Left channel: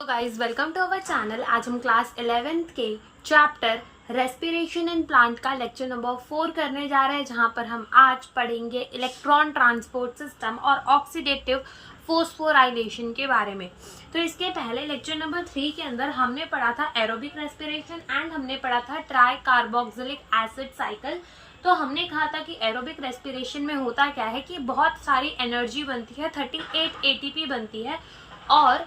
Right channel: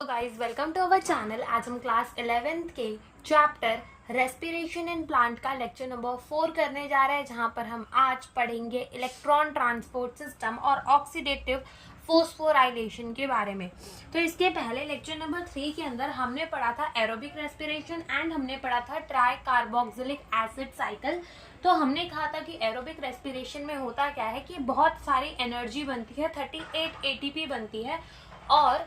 तो guys welcome to our channel. आज हम क्लास 11th के चैप्टर रेस्पिरेशन इन प्लांट का लेक्चर नंबर 4 करने जा रहे हैं, जहां पर हम आज पढ़ेंगे इलेक्ट्रॉन ट्रांसपोर्ट सिस्टम और ऑक्सीडेटिव फोस्फोराइलेशन के बारे में। तो इसके पहले लेक्चर नंबर 3 के अंदर हमने पढ़ा था एरोबिक रेस्पिरेशन एंड हमने पढ़ा था ट्राई कार्बोक्सिलिक एसिड साइकिल। तो हमने कहा था कि एरोबिक रेस्पिरेशन में होता क्या है कि बहुत सारी एनर्जी बनती है, 38 एटीपी बनती है और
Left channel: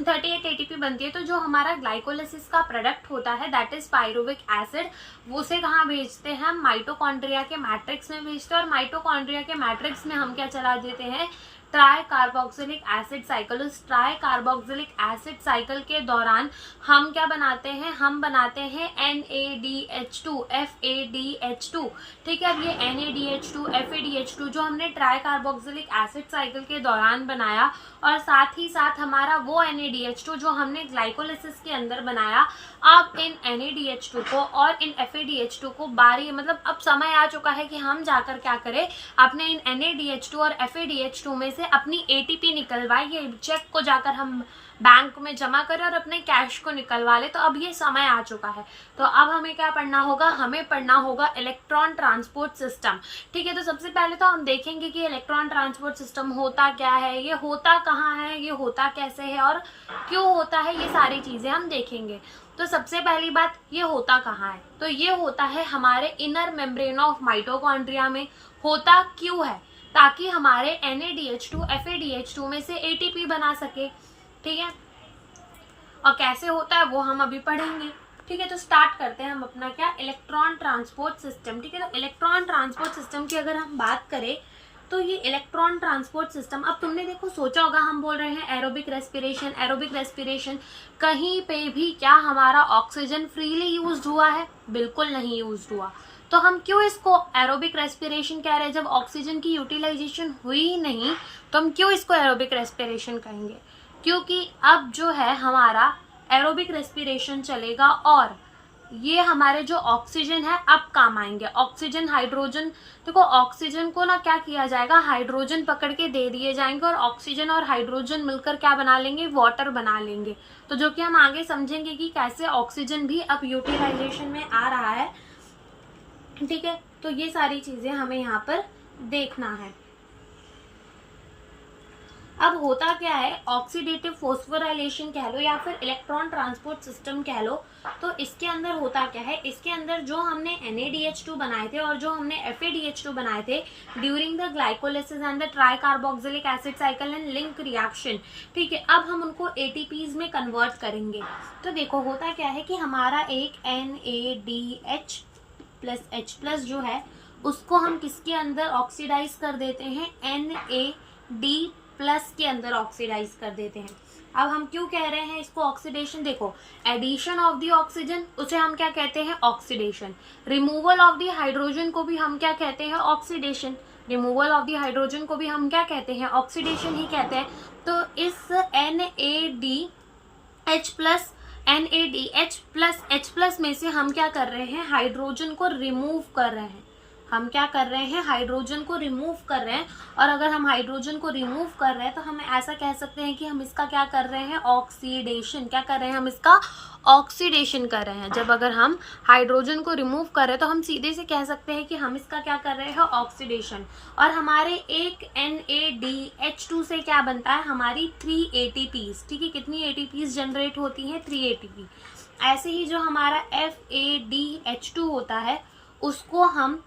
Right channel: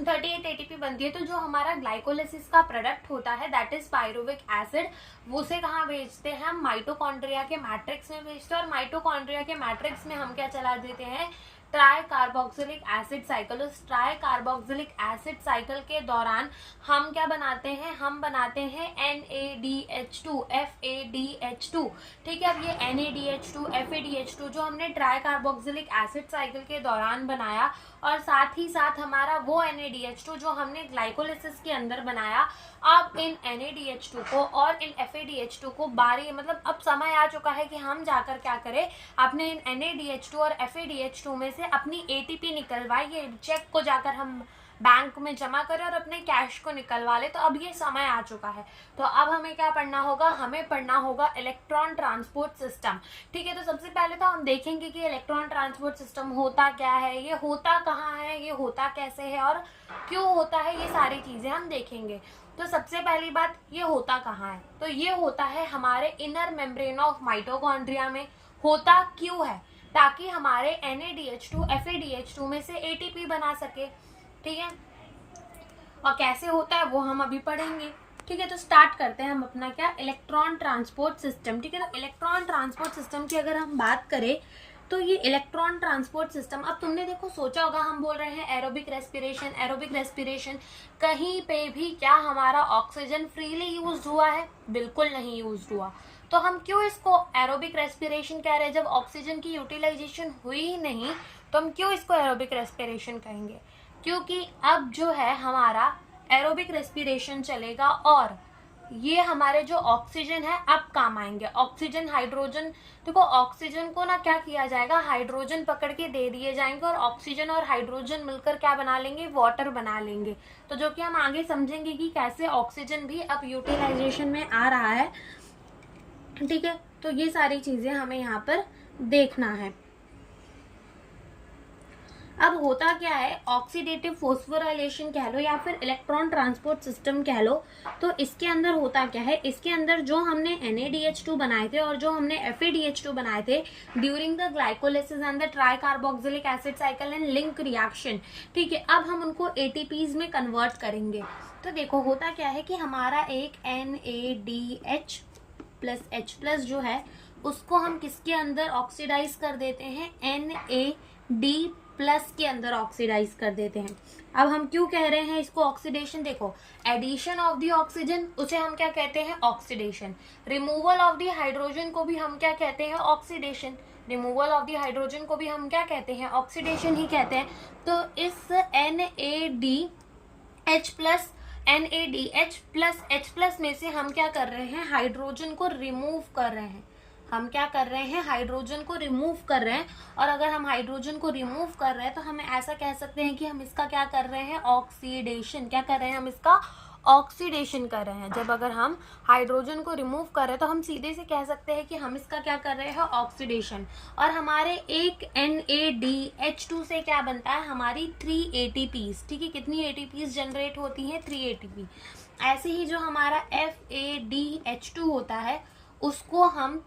38 एटीपी बनती है। तो जो हमारा ग्लाइकोलिसिस का प्रोडक्ट होता है दैट इज पायरुविक एसिड, वो उसे कहाँ भेजते हैं? हम माइटोकॉन्ड्रिया के मैट्रिक्स में भेजते हैं और माइटोकॉन्ड्रिया के मैट्रिक्स में हम क्या चला देते हैं? Try carboxylic acid cycle. उस ट्राई कार्बोक्सिलिक एसिड साइकिल के दौरान हम क्या बनाते हैं? हम बनाते हैं NADH2 FADH2। ठीक है, अब ये NADH2 FADH2 जो हमने ट्राई कार्बोक्सिलिक एसिड साइकिल के दौरान बनाया और साथ ही साथ हमारा वो NADH2 जो हमने ग्लाइकोलिसिस के अंदर बनाया, अब इन NADH2 को और इन FADH2 को बारी मतलब अब समय आ चुका है कि हम जाकर क्या करें? अपने इन NADH2 और FADH2 में से अपनी ATP निकलवाए, ये चेक को जाकर हम बैंक में जमा करें और अपने कैश को निकलवा ले। तो अब ये समय आ चुका है। तो अब हमें क्या पढ़ना होगा? हमें पढ़ना होगा इलेक्ट्रॉन ट्रांसपोर्ट सिस्टम। ठीक है, तो सबसे पहले तो हम देखेंगे कि इलेक्ट्रॉन ट्रांसपोर्ट सिस्टम होता क्या है, ये होता कहाँ है, ये होता कैसे है और क्यों होता है, ये सारी चीजें हम देखेंगे। तो सबसे पहली बात, ये होता कहाँ है? तो ये होता है हमारे इनर मेम्ब्रेन ऑफ माइटोकॉन्ड्रिया में। होता क्यों है? ताकि हमारे NADH2 FADH2 में से ATP बना सके। ठीक है, और कैसे होता है वो हम अभी पढ़ेंगे। ठीक है, तो स्टार्ट करते हैं हम अपना क्या? Electron transport system. ठीक है, तो इलेक्ट्रॉन ट्रांसपोर्ट सिस्टम की अगर हम बात करें तो ये इलेक्ट्रॉन ट्रांसपोर्ट सिस्टम, अब तुमने देखो सोचा होगा हम बोल रहे हैं एरोबिक रेस्पिरेशन, एरोबिक रेस्पिरेशन, कहीं पे भी क्या हमारा ऑक्सीजन फ्रीली यूज हुआ है? बिल्कुल नहीं यूज हुआ। तो हम क्यों इसको एरोबिक रेस्पिरेशन कह रहे हैं? जब ऑक्सीजन की यूटिलाइजेशन हुई ही नहीं तो हम क्यों इसको एरोबिक रेस्पिरेशन कहेंगे? क्योंकि अब जो है हमारा एरोबिक रेस्पिरेशन चलेगा और ये हमारे जो ऑक्सीजन है अब काम आएंगे। ऑक्सीजन हाइड्रोजन, देखो ऑक्सीजन को ना क्या किया जाएगा? हाइड्रोजन पकड़ के दे दिए जाएंगे और ऑक्सीजन और हाइड्रोजन मिलकर क्या बना लेंगे? वाटर बना लेंगे। तो जो कि हम आगे समझेंगे कि कैसे ऑक्सीजन भी अब यूटिलाइजेशन में आ रहा है। ठीक है, तो ये सारी चीजें हमें यहाँ पर देखना है। अब होता क्या है? ऑक्सीडेटिव फोस्फोराइलेशन कह लो या फिर इलेक्ट्रॉन ट्रांसपोर्ट सिस्टम कह लो। तो इसके अंदर होता क्या है? इसके अंदर जो हमने NADH2 बनाए थे और जो हमने FADH2 बनाए थे during the glycolysis and the try carboxylic acid cycle and link reaction, ठीक है, अब हम उनको ATPs में कन्वर्ट करेंगे। तो देखो होता क्या है कि हमारा एक NADH प्लस H प्लस जो है उसको हम किसके अंदर ऑक्सीडाइज कर देते हैं? NAD प्लस के अंदर ऑक्सीडाइज कर देते हैं। अब हम क्यों कह रहे हैं इसको ऑक्सीडेशन? देखो एडिशन ऑफ द ऑक्सीजन उसे हम क्या कहते हैं? Oxidation. Removal of the hydrogen को भी हम क्या कहते हैं? Oxidation. Removal of the hydrogen को भी हम क्या कहते हैं? ऑक्सीडेशन ही कहते हैं। तो इस NADH प्लस H प्लस में से हम क्या कर रहे हैं? हाइड्रोजन को रिमूव कर रहे हैं। हम क्या कर रहे हैं? हाइड्रोजन को रिमूव कर रहे हैं। और अगर हम हाइड्रोजन को रिमूव कर रहे हैं तो हम ऐसा कह सकते हैं कि हम इसका क्या कर रहे हैं? ऑक्सीडेशन। क्या कर रहे हैं? हम इसका ऑक्सीडेशन कर रहे हैं। जब अगर हम हाइड्रोजन को रिमूव कर रहे हैं तो हम सीधे से कह सकते हैं कि हम इसका क्या कर रहे हैं? ऑक्सीडेशन। और हमारे एक NADH2 से क्या बनता है? हमारी 3 ATPs। ठीक है, कितनी ATPs जनरेट होती हैं? 3 ATP। ऐसे ही जो हमारा FADH2 होता है उसको हम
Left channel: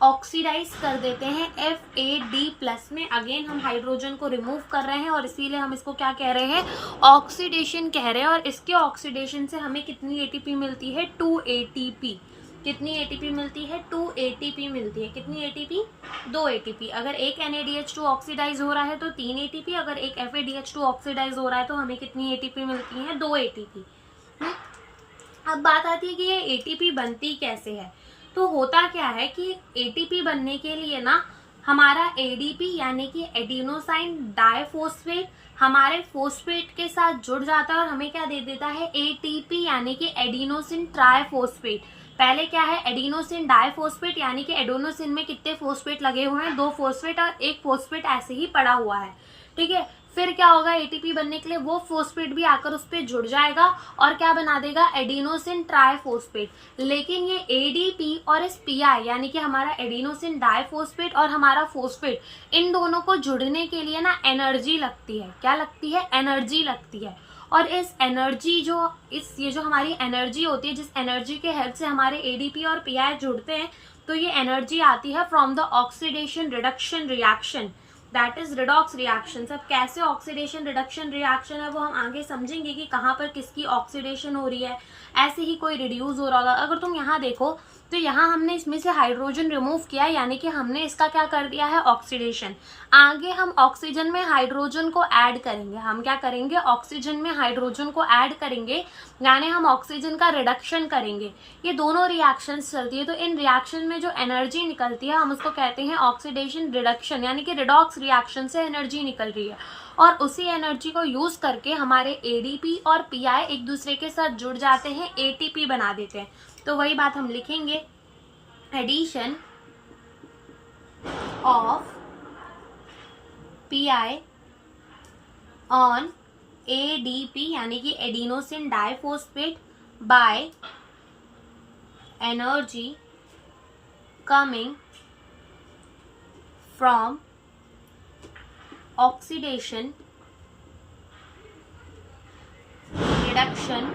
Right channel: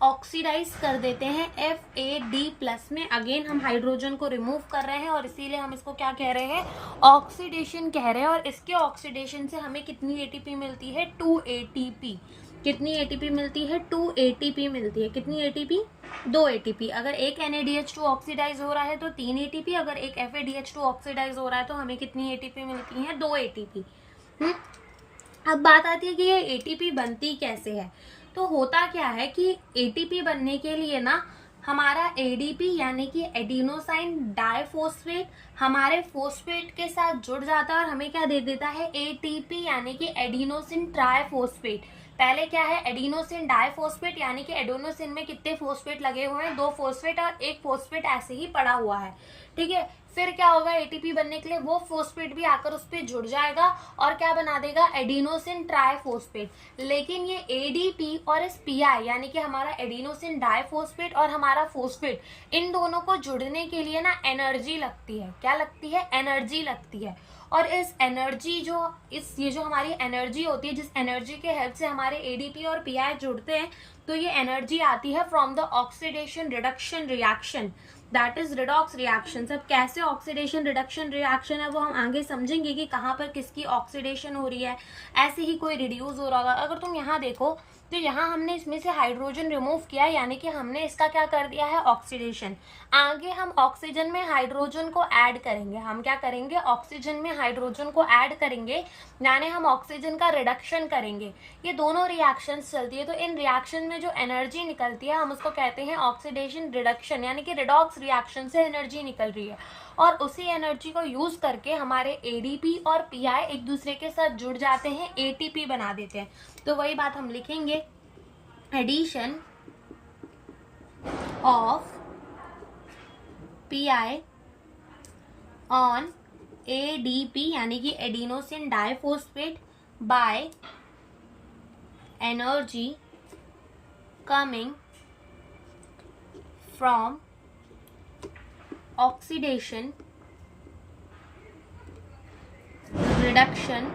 ऑक्सीडाइज कर देते हैं FAD प्लस में। अगेन हम हाइड्रोजन को रिमूव कर रहे हैं और इसीलिए हम इसको क्या कह रहे हैं? ऑक्सीडेशन कह रहे हैं। और इसके ऑक्सीडेशन से हमें कितनी ATP मिलती है? 2 ATP। कितनी ATP मिलती है? 2 ATP मिलती है। कितनी ATP? 2 ATP। अगर एक NADH2 ऑक्सीडाइज हो रहा है तो 3 ATP, अगर एक FADH2 ऑक्सीडाइज हो रहा है तो हमें कितनी ATP मिलती है? 2 ATP। अब बात आती है कि ये ATP बनती कैसे है। तो होता क्या है कि ATP बनने के लिए ना हमारा ADP यानी कि एडिनोसाइन डाइफॉस्फेट हमारे फोस्फेट के साथ जुड़ जाता है और हमें क्या दे देता है? ATP यानी कि एडिनोसिन ट्राइफॉस्फेट। पहले क्या है? एडिनोसिन डाइफॉस्फेट यानी कि एडिनोसिन में कितने फोस्फेट लगे हुए हैं? 2 फोस्फेट और एक फोस्फेट ऐसे ही पड़ा हुआ है। ठीक है। फिर क्या होगा, एटीपी बनने के लिए वो फोस्फेट भी आकर उस पर जुड़ जाएगा और क्या बना देगा, एडिनोसिन ट्राइफोस्फेट। लेकिन ये एडीपी और इस पीआई यानी कि हमारा एडिनोसिन डाइफोस्फेट और हमारा फोस्फेट, इन दोनों को जुड़ने के लिए ना एनर्जी लगती है। क्या लगती है, एनर्जी लगती है। और इस एनर्जी ये जो हमारी एनर्जी होती है, जिस एनर्जी के हेल्प से हमारे एडीपी और पीआई जुड़ते हैं, तो ये एनर्जी आती है from the oxidation reduction reaction, that is redox reaction. अब कैसे ऑक्सीडेशन रिडक्शन रिएक्शन है वो हम आगे समझेंगे कि कहाँ पर किसकी ऑक्सीडेशन हो रही है। ऐसे ही कोई रिड्यूस हो रहा होगा। अगर तुम यहाँ देखो तो यहाँ हमने इसमें से हाइड्रोजन रिमूव किया, यानी कि हमने इसका क्या कर दिया है, ऑक्सीडेशन। आगे हम ऑक्सीजन में हाइड्रोजन को ऐड करेंगे। हम क्या करेंगे, ऑक्सीजन में हाइड्रोजन को ऐड करेंगे, यानी हम ऑक्सीजन का रिडक्शन करेंगे। ये दोनों रिएक्शंस चलती है। तो इन रिएक्शन में जो एनर्जी निकलती है हम उसको कहते हैं ऑक्सीडेशन रिडक्शन, यानी कि रिडॉक्स रिएक्शन से एनर्जी निकल रही है। और उसी एनर्जी को यूज करके हमारे एडीपी और पीआई एक दूसरे के साथ जुड़ जाते हैं, एटीपी बना देते हैं। तो वही बात हम लिखेंगे, addition of Pi on ADP यानी कि adenosine diphosphate by energy coming from oxidation reduction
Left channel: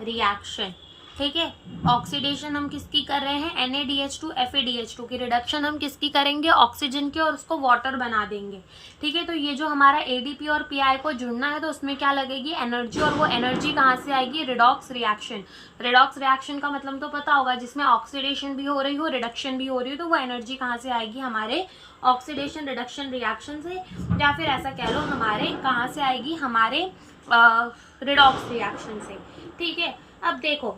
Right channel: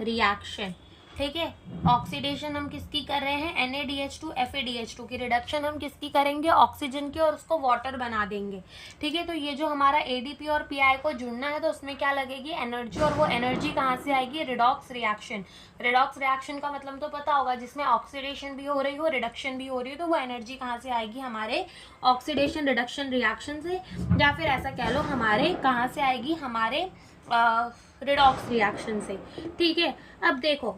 reaction. ठीक है, ऑक्सीडेशन हम किसकी कर रहे हैं, NaDH2 FaDH2 की रिडक्शन हम किसकी करेंगे, ऑक्सीजन की, और उसको वाटर बना देंगे। ठीक है, तो ये जो हमारा एडीपी और पीआई को जुड़ना है तो उसमें क्या लगेगी, एनर्जी। और वो एनर्जी कहाँ से आएगी, रिडॉक्स रिएक्शन। रिडॉक्स रिएक्शन का मतलब तो पता होगा, जिसमें ऑक्सीडेशन भी हो रही हो, रिडक्शन भी हो रही हो, तो वो एनर्जी कहाँ से आएगी, हमारे ऑक्सीडेशन रिडक्शन रिएक्शन से, या फिर ऐसा कह लो हमारे कहाँ से आएगी, हमारे रिडॉक्स रिएक्शन से। ठीक है, अब देखो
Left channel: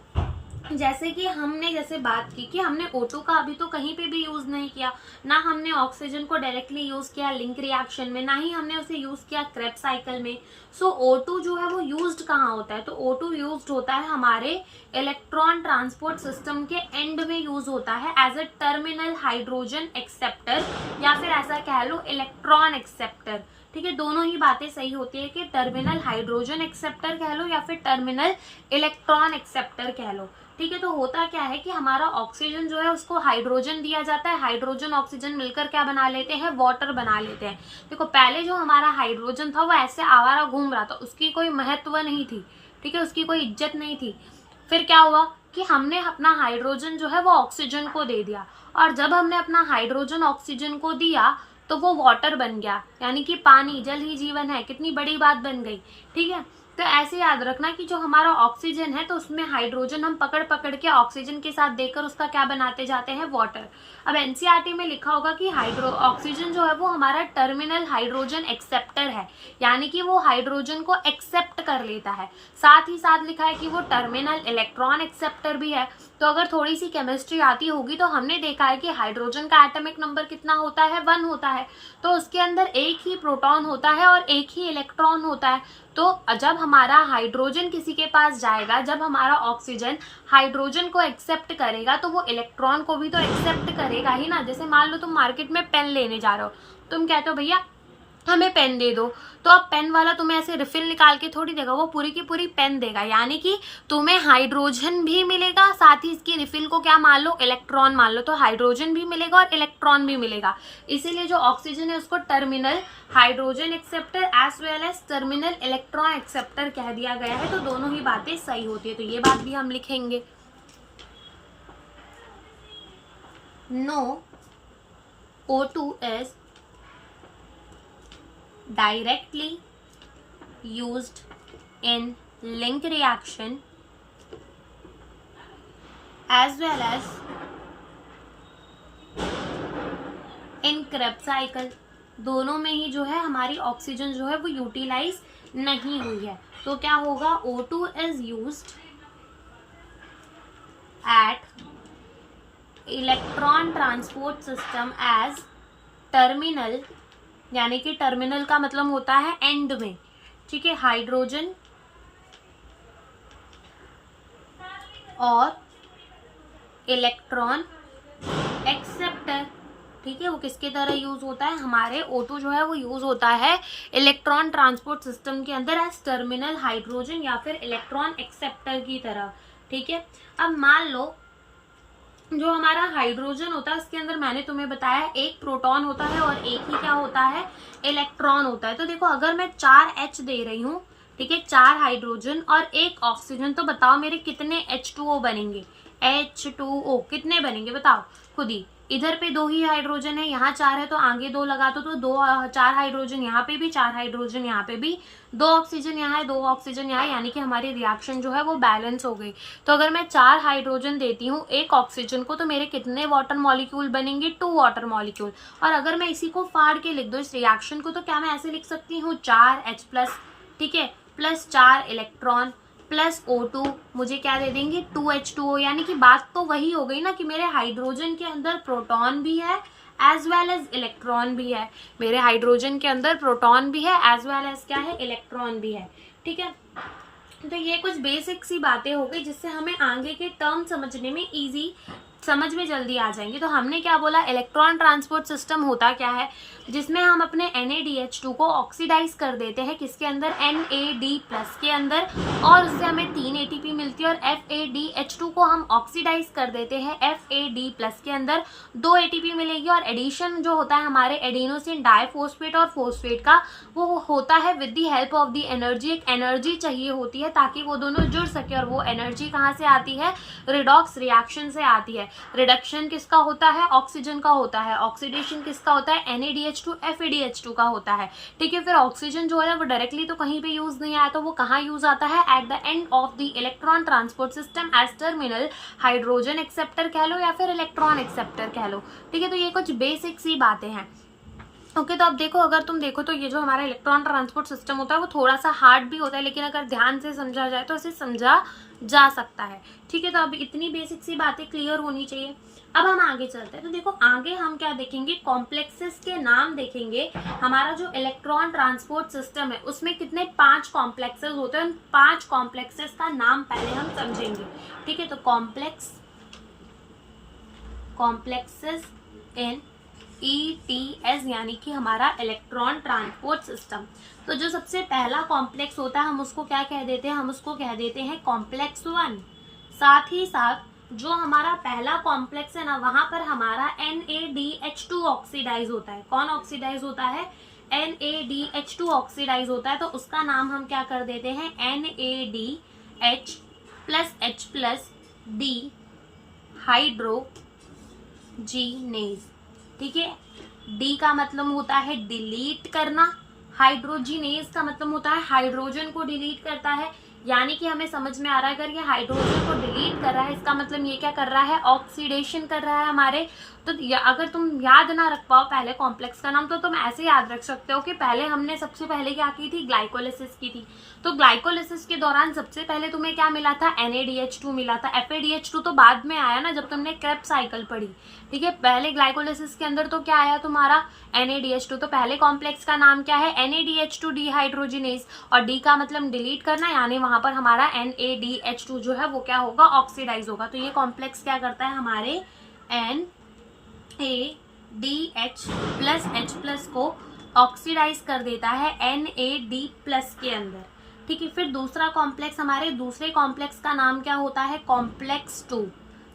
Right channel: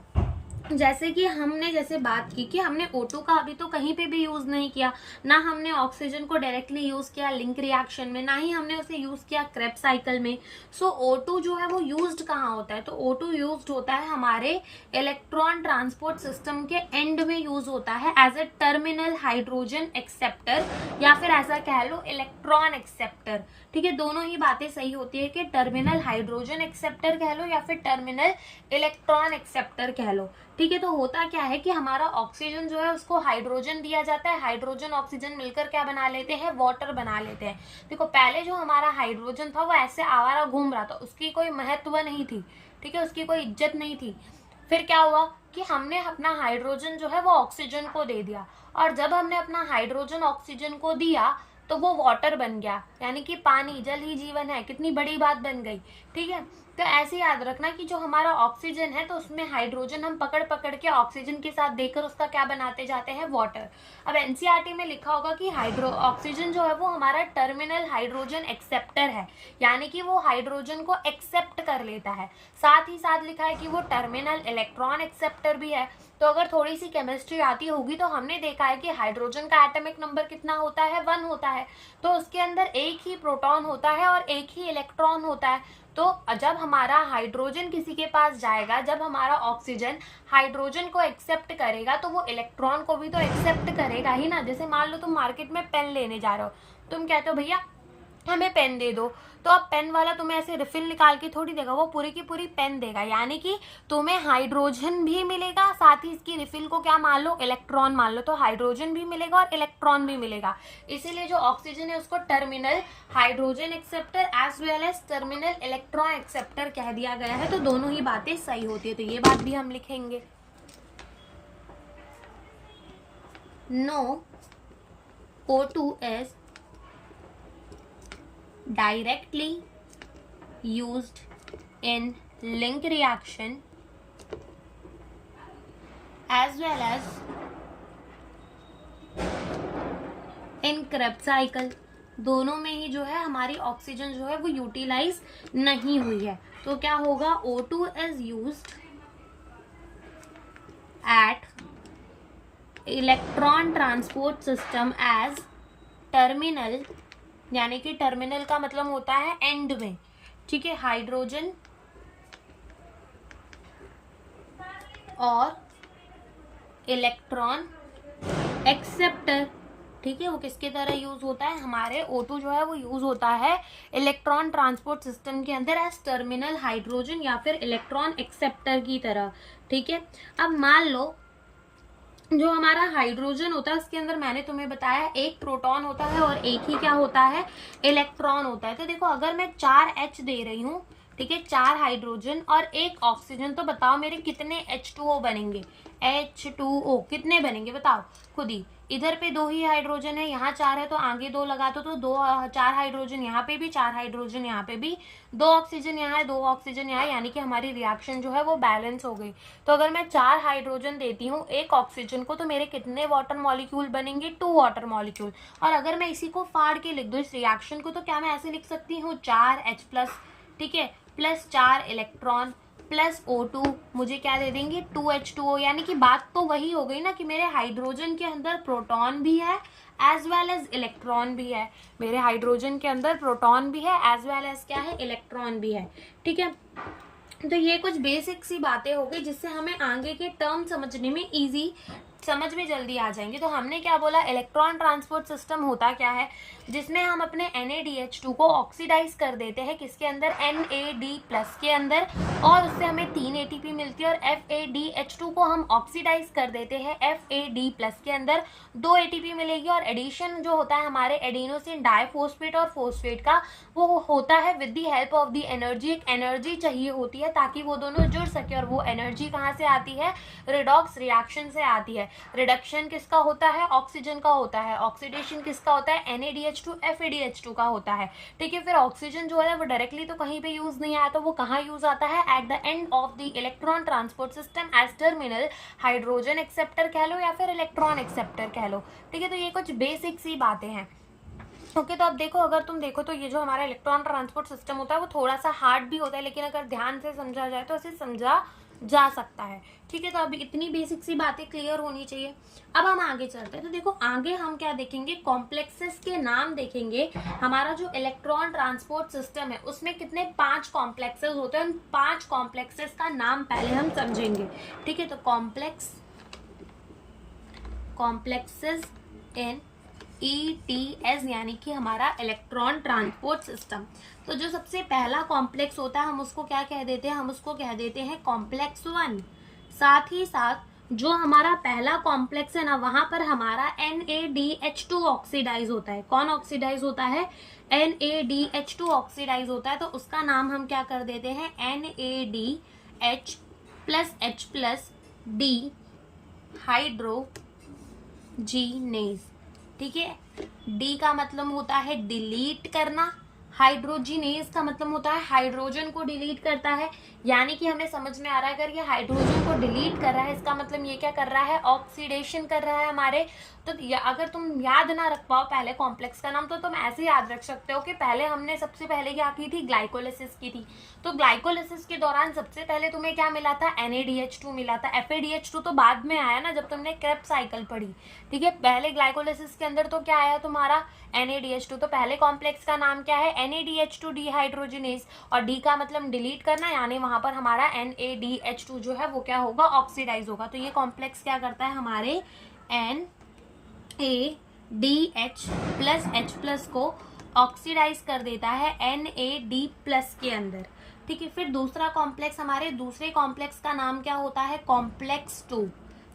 जैसे कि हमने बात की कि हमने O2 का अभी तो कहीं पे भी यूज नहीं किया, ना हमने ऑक्सीजन को डायरेक्टली यूज किया लिंक रिएक्शन में, ना ही हमने उसे यूज किया क्रेब्स साइकिल में। सो O2 जो है वो यूज्ड कहाँ होता है, तो O2 यूज्ड होता है हमारे इलेक्ट्रॉन ट्रांसपोर्ट सिस्टम के एंड में यूज होता है as a terminal hydrogen acceptor, या फिर ऐसा कह लो इलेक्ट्रॉन एक्सेप्टर। ठीक है, दोनों ही बातें सही होती है कि टर्मिनल हाइड्रोजन एक्सेप्टर कह लो या फिर टर्मिनल इलेक्ट्रॉन एक्सेप्टर कह लो। ठीक है, तो होता क्या है कि हमारा ऑक्सीजन जो है उसको हाइड्रोजन दिया जाता है, हाइड्रोजन ऑक्सीजन मिलकर क्या बना लेते हैं, वाटर बना लेते हैं। देखो पहले जो हमारा हाइड्रोजन था वो ऐसे आवारा घूम रहा था, उसकी कोई महत्व नहीं थी। ठीक है, उसकी कोई इज्जत नहीं थी। फिर क्या हुआ कि हमने अपना हाइड्रोजन जो है वो ऑक्सीजन को दे दिया, और जब हमने अपना हाइड्रोजन ऑक्सीजन को दिया तो वो वाटर बन गया, यानी कि पानी, जल ही जीवन है। कितनी बड़ी बात बन गई। ठीक है, तो ऐसे याद रखना कि जो हमारा ऑक्सीजन है तो उसमें हाइड्रोजन हम पकड़ पकड़ के ऑक्सीजन के साथ देकर उसका क्या बनाते जाते हैं, वाटर। अब एनसीईआरटी में लिखा होगा कि ऑक्सीजन जो है वो हमारा टर्मिनल हाइड्रोजन एक्सेप्टर है, यानी कि वो हाइड्रोजन को एक्सेप्ट कर लेता है। साथ ही साथ लिखा है कि वो टर्मिनल इलेक्ट्रॉन एक्सेप्टर भी है। तो अगर थोड़ी सी केमिस्ट्री आती होगी तो हमने देखा है कि हाइड्रोजन का एटॉमिक नंबर कितना होता है, 1 होता है। तो उसके अंदर एक ही प्रोटॉन होता है और एक ही इलेक्ट्रॉन होता है। तो जब हमारा हाइड्रोजन किसी के पास जाएगा, जब हमारा ऑक्सीजन हाइड्रोजन को एक्सेप्ट करेगा तो वो इलेक्ट्रॉन को भी तो एक्सेप्ट करेगा ही ना। जैसे मान लो तुम मार्केट में पेन लेने जा रहे हो, तुम कहते हो भैया हमें पेन दे दो, तो अब पेन वाला तुम्हें ऐसे रिफिल निकाल के थोड़ी देगा, वो पूरी की पूरी पेन देगा, यानी कि तुम्हें हाइड्रोजन भी मिलेगा, साथ ही इसकी रिफिल को क्या मान लो, इलेक्ट्रॉन मान लो। तो हाइड्रोजन भी मिलेगा और इलेक्ट्रॉन भी मिलेगा। इसीलिए जो ऑक्सीजन है उसको terminal hydrogen acceptor as well as terminal electron acceptor कह दिया गया है। तो दोनों ही बातें सही होती है, तो ये बात भी हम लिखेंगे। No O2 is directly used in link reaction as well as in Krebs cycle। दोनों में ही जो है हमारी ऑक्सीजन जो है वो यूटिलाइज नहीं हुई है। तो क्या होगा, O2 is used at electron transport system as terminal, यानी कि टर्मिनल का मतलब होता है एंड में। ठीक है, हाइड्रोजन और इलेक्ट्रॉन एक्सेप्टर ठीक है, वो किसके तरह यूज होता है, हमारे O2 जो है वो यूज होता है इलेक्ट्रॉन ट्रांसपोर्ट सिस्टम के अंदर एज टर्मिनल हाइड्रोजन या फिर इलेक्ट्रॉन एक्सेप्टर की तरह। ठीक है, अब मान लो जो हमारा हाइड्रोजन होता है उसके अंदर मैंने तुम्हें बताया एक प्रोटॉन होता है और एक ही क्या होता है, इलेक्ट्रॉन होता है। तो देखो अगर मैं 4H दे रही हूँ, ठीक है, 4 हाइड्रोजन और एक ऑक्सीजन, तो बताओ मेरे कितने H2O बनेंगे, H2O कितने बनेंगे बताओ खुद ही। इधर पे 2 ही हाइड्रोजन है, यहाँ 4 है तो आगे 2 लगा दो, तो 4 हाइड्रोजन यहाँ पे भी, 4 हाइड्रोजन यहाँ पे भी, 2 ऑक्सीजन यहाँ है, 2 ऑक्सीजन यहाँ है, यानी कि हमारी रिएक्शन जो है वो बैलेंस हो गई। तो अगर मैं 4 हाइड्रोजन देती हूँ एक ऑक्सीजन को, तो मेरे कितने वाटर मॉलिक्यूल बनेंगे, 2 वाटर मॉलिक्यूल। और अगर मैं इसी को फाड़ के लिख दूँ इस रिएक्शन को, तो क्या मैं ऐसे लिख सकती हूँ 4H+, ठीक है, प्लस 4 इलेक्ट्रॉन प्लस O2 मुझे क्या दे देंगे 2H2O। यानी कि बात तो वही हो गई ना कि मेरे हाइड्रोजन के अंदर प्रोटॉन भी है एज वेल एज इलेक्ट्रॉन भी है, मेरे हाइड्रोजन के अंदर प्रोटॉन भी है एज वेल एज क्या है, इलेक्ट्रॉन भी है। ठीक है, तो ये कुछ बेसिक सी बातें हो गई जिससे हमें आगे के टर्म समझने में इजी, समझ में जल्दी आ जाएंगे। तो हमने क्या बोला, इलेक्ट्रॉन ट्रांसपोर्ट सिस्टम होता क्या है, जिसमें हम अपने NaDH2 को ऑक्सीडाइज कर देते हैं किसके अंदर, NAD+ के अंदर, और उससे हमें 3 ATP मिलती है। और FADH2 को हम ऑक्सीडाइज कर देते हैं FAD+ के अंदर, 2 ATP मिलेगी। और एडिशन जो होता है हमारे एडिनोसिन डाइफॉस्फेट और फॉस्फेट का, वो होता है with the help of the energy. एक एनर्जी चाहिए होती है ताकि वो दोनों जुड़ सके, और वो एनर्जी कहाँ से आती है, रिडॉक्स रिएक्शन से आती है। रिडक्शन किसका होता है, ऑक्सीजन का होता है। ऑक्सीडेशन किसका होता है, NaDH2 FADH2 का होता है। ठीक है, फिर ऑक्सीजन जो है वो डायरेक्टली तो कहीं पे यूज नहीं आया, तो वो कहाँ यूज आता है, at the end of the electron transport system as terminal hydrogen acceptor कह लो या फिर इलेक्ट्रॉन एक्सेप्टर कह लो। ठीक है, तो ये कुछ बेसिक सी बातें हैं। ओके, तो अब देखो, अगर तुम देखो तो ये जो हमारा इलेक्ट्रॉन ट्रांसपोर्ट सिस्टम होता है वो थोड़ा सा हार्ड भी होता है, लेकिन अगर ध्यान से समझा जाए तो इसे समझा जा सकता है। ठीक है, तो अब इतनी बेसिक सी बातें क्लियर होनी चाहिए। अब हम आगे चलते हैं, तो देखो आगे हम क्या देखेंगे, कॉम्प्लेक्सेस के नाम देखेंगे। हमारा जो इलेक्ट्रॉन ट्रांसपोर्ट सिस्टम है उसमें कितने 5 कॉम्प्लेक्सेस होते हैं, उन 5 कॉम्प्लेक्सेस का नाम पहले हम समझेंगे। ठीक है, तो कॉम्प्लेक्सेस इन ETS यानी कि हमारा इलेक्ट्रॉन ट्रांसपोर्ट सिस्टम। तो जो सबसे पहला कॉम्प्लेक्स होता है हम उसको क्या कह देते हैं, हम उसको कह देते हैं कॉम्प्लेक्स 1। साथ ही साथ जो हमारा पहला कॉम्प्लेक्स है ना, वहां पर हमारा NaDH2 ऑक्सीडाइज होता है। कौन ऑक्सीडाइज होता है, NaDH2 ऑक्सीडाइज होता है। तो उसका नाम हम क्या कर देते हैं, NaDH+H+D हाइड्रोजीनेज। ठीक है, डी का मतलब होता है डिलीट करना, हाइड्रोजीनेज का मतलब होता है हाइड्रोजन को डिलीट करता है। यानी कि हमें समझ में आ रहा है, अगर ये हाइड्रोजन को डिलीट कर रहा है इसका मतलब ये क्या कर रहा है, ऑक्सीडेशन कर रहा है हमारे। तो अगर तुम याद ना रख पाओ पहले कॉम्प्लेक्स का नाम, तो तुम ऐसे याद रख सकते हो कि पहले हमने सबसे पहले क्या की थी, ग्लाइकोलिसिस की थी। तो ग्लाइकोलिसिस के दौरान सबसे पहले तुम्हें क्या मिला था, NaDH2 मिला था। FADH2 तो बाद में आया ना जब तुमने क्रेब्स साइकिल पढ़ी। ठीक है, पहले ग्लाइकोलिसिस के अंदर तो क्या आया तुम्हारा, NaDH2। तो पहले कॉम्प्लेक्स का नाम क्या है, NaDH2 डिहाइड्रोजिनेज। और डी का मतलब डिलीट करना, यानी वहां पर हमारा NaDH2 जो है वो क्या होगा, ऑक्सीडाइज होगा। तो ये कॉम्प्लेक्स क्या करता है, हमारे NaDH+H+ को ऑक्सीडाइज कर देता है NaD+ के अंदर। ठीक है, फिर दूसरा कॉम्प्लेक्स, हमारे दूसरे कॉम्प्लेक्स का नाम क्या होता है, कॉम्प्लेक्स 2।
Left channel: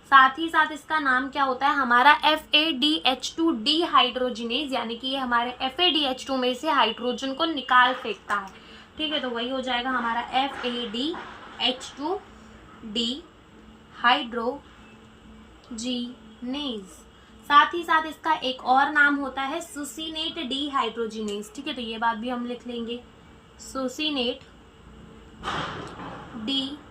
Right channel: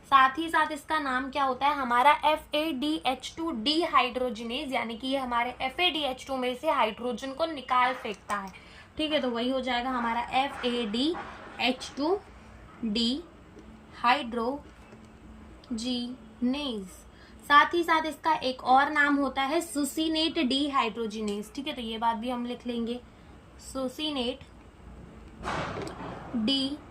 साथ ही साथ इसका नाम क्या होता है, हमारा FADH2 डिहाइड्रोजिनेज। यानी कि ये हमारे FADH2 में से हाइड्रोजन को निकाल फेंकता है। ठीक है, तो वही हो जाएगा हमारा FADH2 डिहाइड्रोजिनेज। साथ ही साथ इसका एक और नाम होता है सुसिनेट डिहाइड्रोजिनेज। ठीक है, तो ये बात भी हम लिख लेंगे, सुसिनेट डिहाइड्रोजिनेज।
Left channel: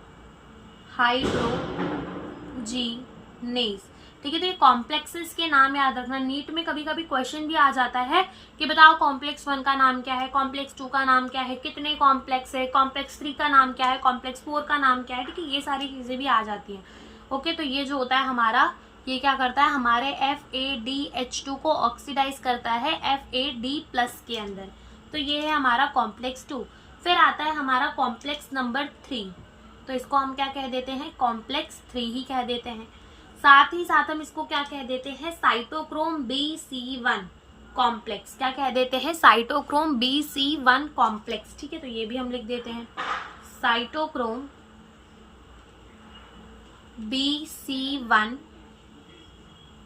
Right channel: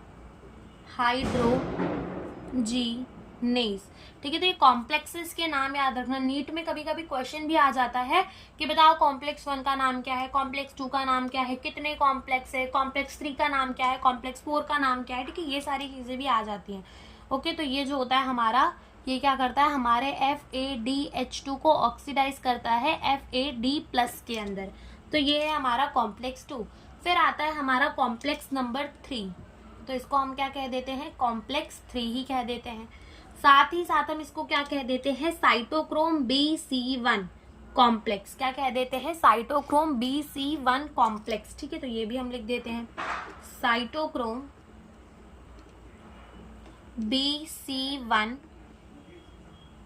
ठीक है, तो ये कॉम्प्लेक्सेस के नाम याद रखना। नीट में कभी कभी क्वेश्चन भी आ जाता है कि बताओ कॉम्प्लेक्स 1 का नाम क्या है, कॉम्प्लेक्स 2 का नाम क्या है, कितने कॉम्प्लेक्स है, कॉम्प्लेक्स 3 का नाम क्या है, कॉम्प्लेक्स 4 का नाम क्या है। ठीक है, ये सारी चीजें भी आ जाती हैं। ओके, तो ये जो होता है हमारा, ये क्या करता है, हमारे FADH2 को ऑक्सीडाइज करता है FAD+ के अंदर। तो ये है हमारा कॉम्प्लेक्स 2। फिर आता है हमारा कॉम्प्लेक्स नंबर 3। तो इसको हम क्या कह देते हैं, कॉम्प्लेक्स 3 ही कह देते हैं। साथ ही साथ हम इसको क्या कह देते हैं, साइटोक्रोम BC1 कॉम्प्लेक्स। क्या कह देते हैं, साइटोक्रोम BC1 कॉम्प्लेक्स। ठीक है, तो ये भी हम लिख देते हैं, साइटोक्रोम BC1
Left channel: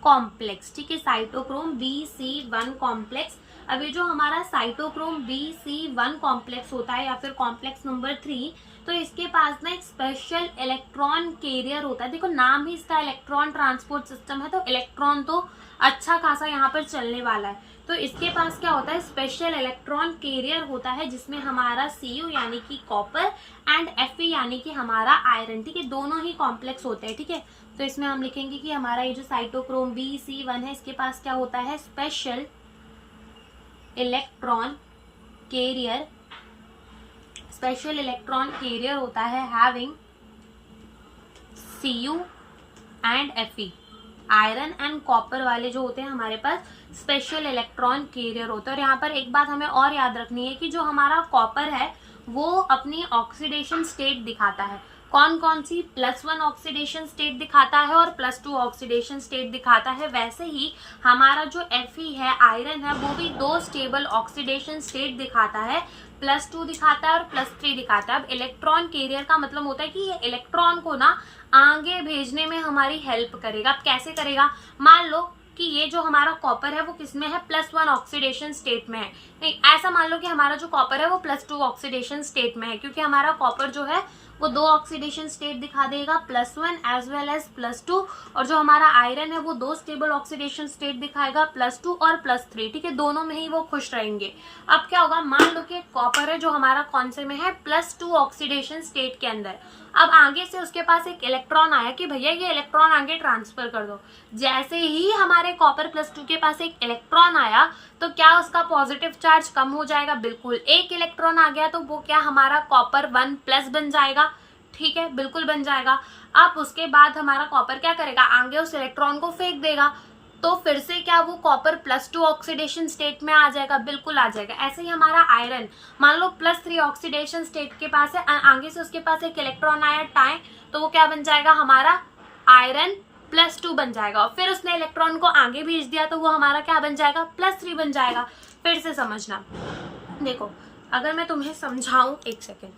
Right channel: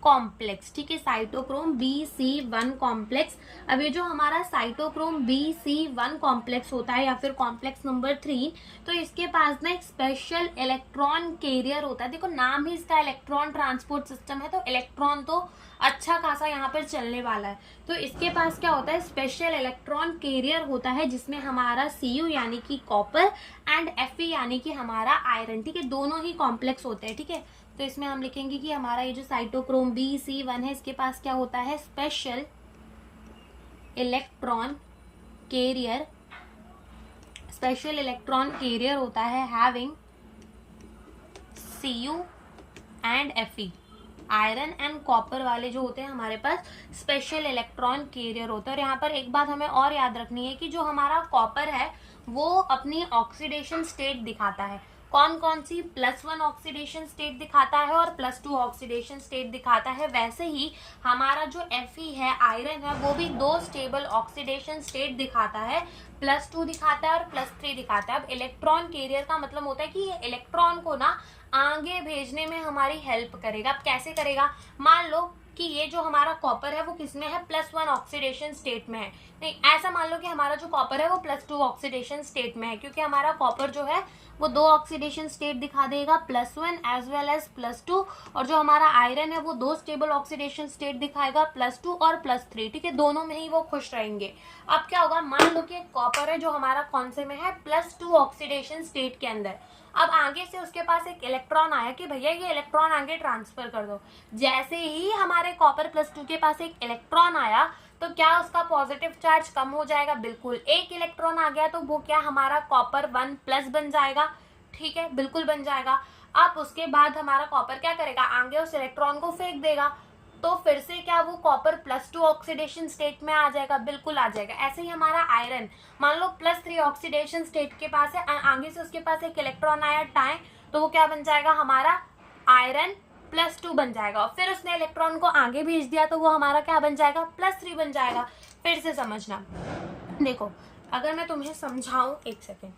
कॉम्प्लेक्स। ठीक है, साइटोक्रोम BC1 कॉम्प्लेक्स। अब ये जो हमारा साइटोक्रोम BC1 कॉम्प्लेक्स होता है या फिर कॉम्प्लेक्स नंबर 3, तो इसके पास ना एक स्पेशल इलेक्ट्रॉन कैरियर होता है। देखो नाम ही इसका इलेक्ट्रॉन ट्रांसपोर्ट सिस्टम है, तो इलेक्ट्रॉन तो अच्छा खासा यहाँ पर चलने वाला है। तो इसके पास क्या होता है, स्पेशल इलेक्ट्रॉन कैरियर होता है, जिसमें हमारा Cu यानी कि कॉपर एंड Fe यानी कि हमारा आयरन, ठीक है, दोनों ही कॉम्प्लेक्स होते हैं। ठीक है, तो इसमें हम लिखेंगे कि हमारा ये जो साइटोक्रोम BC1 है, इसके पास क्या होता है, special electron carrier, special electron carrier होता है having Cu and Fe। Iron and copper वाले जो होते हैं हमारे पास स्पेशल इलेक्ट्रॉन कैरियर होता है। और यहाँ पर एक बात हमें और याद रखनी है कि जो हमारा कॉपर है वो अपनी ऑक्सीडेशन स्टेट दिखाता है। कौन कौन सी, +1 ऑक्सीडेशन स्टेट दिखाता है और +2 ऑक्सीडेशन स्टेट दिखाता है। वैसे ही हमारा जो Fe है, आयरन है, वो भी 2 स्टेबल ऑक्सीडेशन स्टेट दिखाता है, +2 दिखाता है और +3 दिखाता है। अब इलेक्ट्रॉन कैरियर का मतलब होता है कि ये इलेक्ट्रॉन को ना आगे भेजने में हमारी हेल्प करेगा। अब कैसे करेगा, मान लो कि ये जो हमारा कॉपर है वो किसमें है, +1 ऑक्सीडेशन स्टेट में है। नहीं, ऐसा मान लो कि हमारा जो कॉपर है वो +2 ऑक्सीडेशन स्टेट में है, क्योंकि हमारा कॉपर जो है वो 2 ऑक्सीडेशन स्टेट दिखा देगा, +1 एज वेल एज +2। और जो हमारा आयरन है वो 2 स्टेबल ऑक्सीडेशन स्टेट दिखाएगा, +2 और +3। ठीक है, दोनों में ही वो खुश रहेंगे। अब क्या होगा, मान लो कि कॉपर है जो हमारा कौन से में है, +2 ऑक्सीडेशन स्टेट के अंदर। अब आगे से उसके पास एक इलेक्ट्रॉन आया कि भैया ये इलेक्ट्रॉन आगे ट्रांसफर कर दो। जैसे ही हमारे कॉपर +2 के पास एक इलेक्ट्रॉन आया, तो क्या उसका पॉजिटिव चार्ज कम हो जाएगा, बिल्कुल। एक इलेक्ट्रॉन आ गया तो वो क्या हमारा कॉपर 1+ बन जाएगा। ठीक है, बिल्कुल बन जाएगा। अब उसके बाद हमारा कॉपर क्या करेगा, आगे उस इलेक्ट्रॉन को फेंक देगा, तो फिर से क्या वो कॉपर +2 ऑक्सीडेशन स्टेट में आ जाएगा, बिल्कुल आ जाएगा। ऐसे ही हमारा आयरन, मान लो +3 ऑक्सीडेशन स्टेट के पास है, आगे से उसके पास एक इलेक्ट्रॉन आया टाई, तो वो क्या बन जाएगा, हमारा आयरन +2 बन जाएगा। और फिर उसने इलेक्ट्रॉन को आगे भेज दिया तो वो हमारा क्या बन जाएगा, +3 बन जाएगा। फिर से समझना, देखो अगर मैं तुम्हें समझाऊं, एक सेकेंड,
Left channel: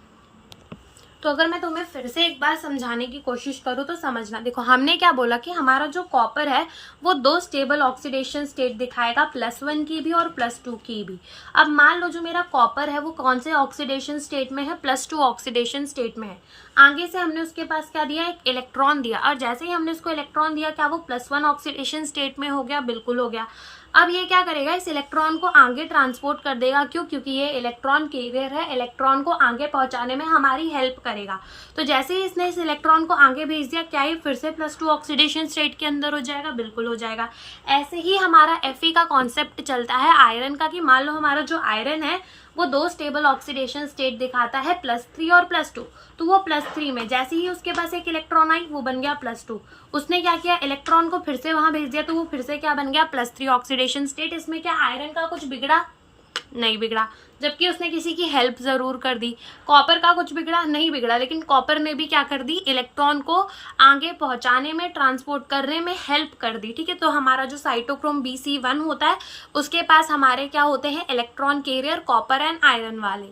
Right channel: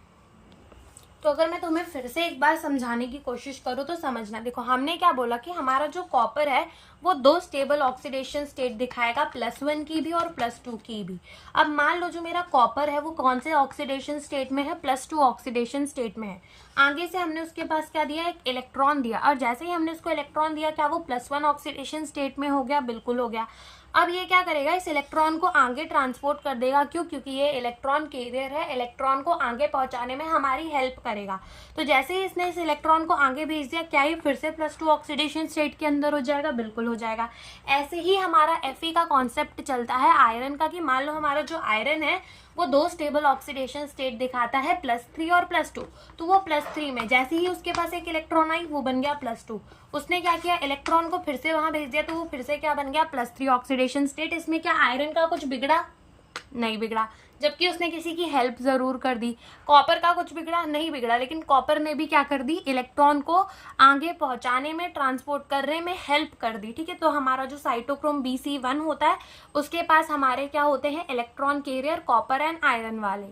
तो अगर मैं तुम्हें फिर से एक बार समझाने की कोशिश करूँ तो समझना। देखो हमने क्या बोला कि हमारा जो कॉपर है वो 2 स्टेबल ऑक्सीडेशन स्टेट दिखाएगा, +1 की भी और +2 की भी। अब मान लो जो मेरा कॉपर है वो कौन से ऑक्सीडेशन स्टेट में है, +2 ऑक्सीडेशन स्टेट में है। आगे से हमने उसके पास क्या दिया, एक इलेक्ट्रॉन दिया, और जैसे ही हमने उसको इलेक्ट्रॉन दिया, क्या वो +1 ऑक्सीडेशन स्टेट में हो गया, बिल्कुल हो गया। अब ये क्या करेगा, इस इलेक्ट्रॉन को आगे ट्रांसपोर्ट कर देगा। क्यों, क्योंकि ये इलेक्ट्रॉन कैरियर है, इलेक्ट्रॉन को आगे पहुंचाने में हमारी हेल्प करेगा। तो जैसे ही इसने इस इलेक्ट्रॉन को आगे भेज दिया, क्या ये फिर से +2 ऑक्सीडेशन स्टेट के अंदर हो जाएगा, बिल्कुल हो जाएगा। ऐसे ही हमारा Fe का कॉन्सेप्ट चलता है आयरन का, कि मान लो हमारा जो आयरन है वो 2 स्टेबल ऑक्सीडेशन स्टेट दिखाता है, +3 और +2। तो वो +3 में जैसे ही उसके पास एक इलेक्ट्रॉन आई, वो बन गया +2। उसने क्या किया, इलेक्ट्रॉन को फिर से वहां भेज दिया, तो वो फिर से क्या बन गया, +3 ऑक्सीडेशन स्टेट। इसमें क्या आयरन का कुछ बिगड़ा, नहीं बिगड़ा, जबकि उसने किसी की हेल्प जरूर कर दी। कॉपर का कुछ बिगड़ा, नहीं बिगड़ा, लेकिन कॉपर ने भी क्या कर दी, इलेक्ट्रॉन को आगे पहुंचाने में, ट्रांसपोर्ट करने में हेल्प कर दी। ठीक है, तो हमारा जो साइटोक्रोम BC1 होता है उसके पास हमारे क्या होते हैं, electron carrier, copper and iron वाले।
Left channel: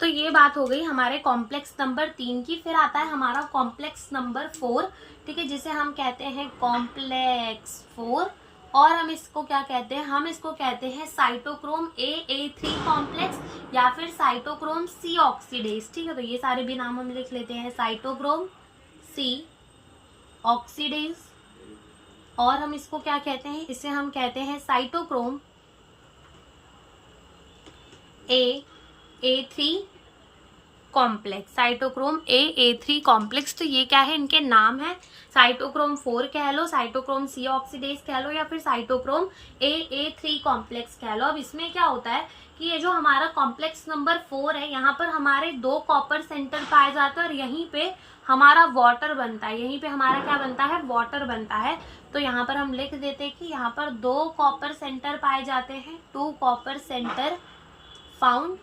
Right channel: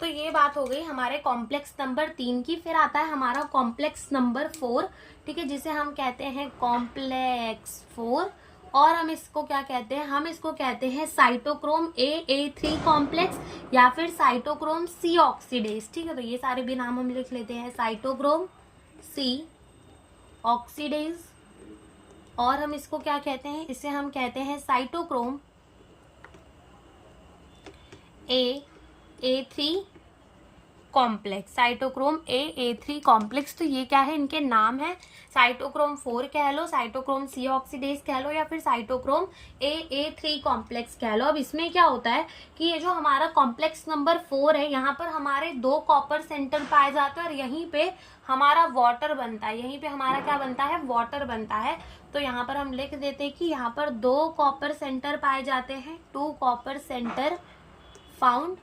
तो ये बात हो गई हमारे कॉम्प्लेक्स नंबर 3 की। फिर आता है हमारा कॉम्प्लेक्स नंबर 4, ठीक है, जिसे हम कहते हैं कॉम्प्लेक्स 4। और हम इसको क्या कहते हैं, हम इसको कहते हैं साइटोक्रोम AA3 कॉम्प्लेक्स या फिर साइटोक्रोम C ऑक्सीडेज। ठीक है, तो ये सारे भी नाम हम लिख लेते हैं, साइटोक्रोम C ऑक्सीडेज। और हम इसको क्या कहते हैं, इसे हम कहते हैं cytochrome AA3 complex, cytochrome AA3 complex. तो ये क्या है, इनके नाम है, साइटोक्रोम 4 कह लो, साइटोक्रोम C ऑक्सीडेज कह लो, या फिर साइटोक्रोम AA3 कॉम्प्लेक्स कह लो। अब इसमें क्या होता है कि ये जो हमारा कॉम्प्लेक्स नंबर 4 है, यहाँ पर हमारे 2 कॉपर सेंटर पाए जाते हैं और यहीं पे हमारा वाटर बनता है, यहीं पे हमारा क्या बनता है, वाटर बनता है। तो यहाँ पर हम लिख देते हैं कि यहाँ पर 2 कॉपर सेंटर पाए जाते हैं, 2 कॉपर सेंटर फाउंड,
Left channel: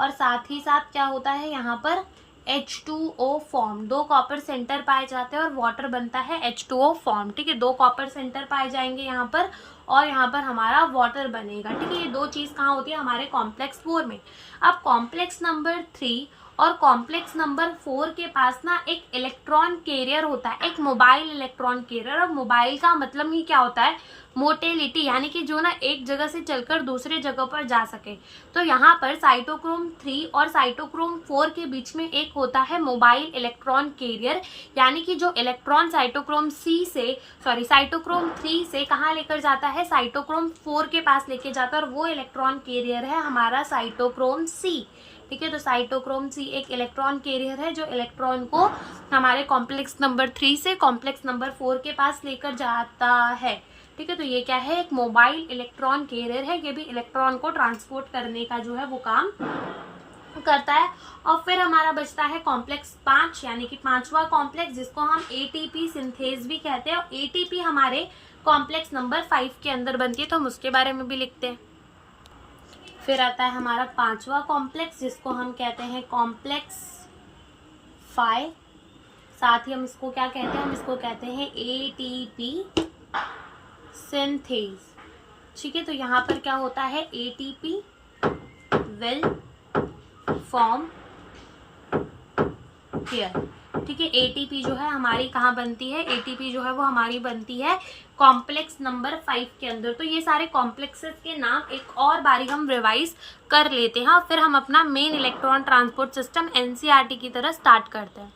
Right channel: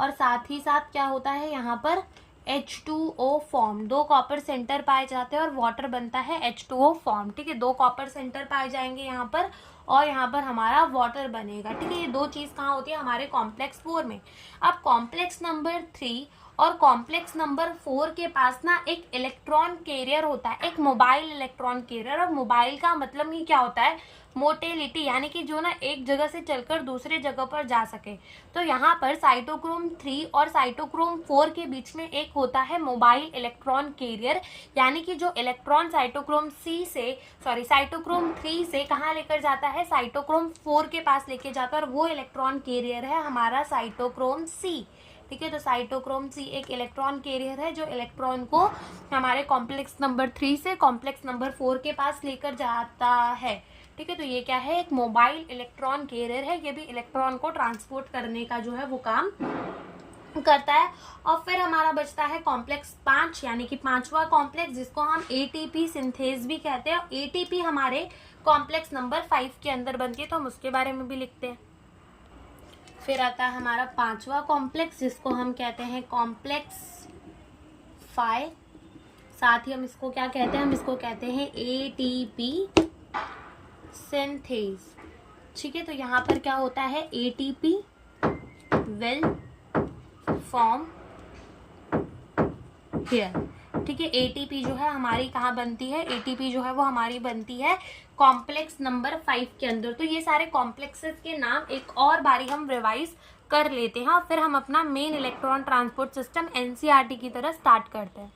और साथ ही साथ क्या होता है, यहाँ पर H2O फॉर्म, 2 कॉपर सेंटर पाए जाते हैं और वाटर बनता है H2O फॉर्म। ठीक है, 2 कॉपर सेंटर पाए जाएंगे यहाँ पर और यहाँ पर हमारा वाटर बनेगा। ठीक है, ये 2 चीज कहाँ होती है? हमारे कॉम्प्लेक्स 4 में। अब कॉम्प्लेक्स नंबर 3 और कॉम्प्लेक्स नंबर 4 के पास ना एक इलेक्ट्रॉन कैरियर होता है, एक मोबाइल इलेक्ट्रॉन कैरियर। और मोबाइल का मतलब ही क्या होता है? मोटेलिटी, यानी कि जो ना एक जगह से चलकर दूसरे जगह पर जा सके। तो यहाँ पर साइटोक्रोम 3 और साइटोक्रोम 4 के बीच में एक होता है मोबाइल इलेक्ट्रॉन कैरियर, यानी कि जो इलेक्ट्रॉन साइटोक्रोम 3 से कहाँ लेकर जाता है? साइटोक्रोम 4 के पास लेके जाता है, और वो इलेक्ट्रॉन कैरियर है हमारा साइटोक्रोम सी। ठीक है, तो साइटोक्रोम सी एक इलेक्ट्रॉन कैरियर है जो इलेक्ट्रॉन को हमारे कॉम्प्लेक्स नंबर 3 से कॉम्प्लेक्स नंबर 4 के पास लेकर जाता है। ठीक है, तो ये क्या है? एक मोबाइल इलेक्ट्रॉन कैरियर है। ये भी इलेक्ट्रॉन को ट्रांसपोर्ट करने का जो है वो काम करता है। और फिर हमारा बचता है कॉम्प्लेक्स 5, यानी कि 5वां कॉम्प्लेक्स, जिसको हम एटीपी सिंथेज भी कहते हैं। और एटीपी हमारे कॉम्प्लेक्स नंबर 5 के अंदर बनती है, तो हम उसके बारे में भी लिखते हैं। फिर आता है हमारा 5वां कॉम्प्लेक्स, जिसको हम कहते हैं कॉम्प्लेक्स 5। साथ ही हम इसको क्या कहते हैं? हम इसको कहते हैं एटीपी सिंथेज। ठीक है, तो यहाँ पर क्या होता है? ATP will form here. ठीक है, एटीपी जो है हमारी कहाँ बनती है? एटीपी जो है वो हमारी बनती है कॉम्प्लेक्स नंबर 5 के अंदर। तो ये सारे कॉम्प्लेक्सेस के नाम एक और बारी हम रिवाइज कर लेते हैं, और फिर हम अपना main electron transport system NCERT की तरह स्टार्ट करते हैं।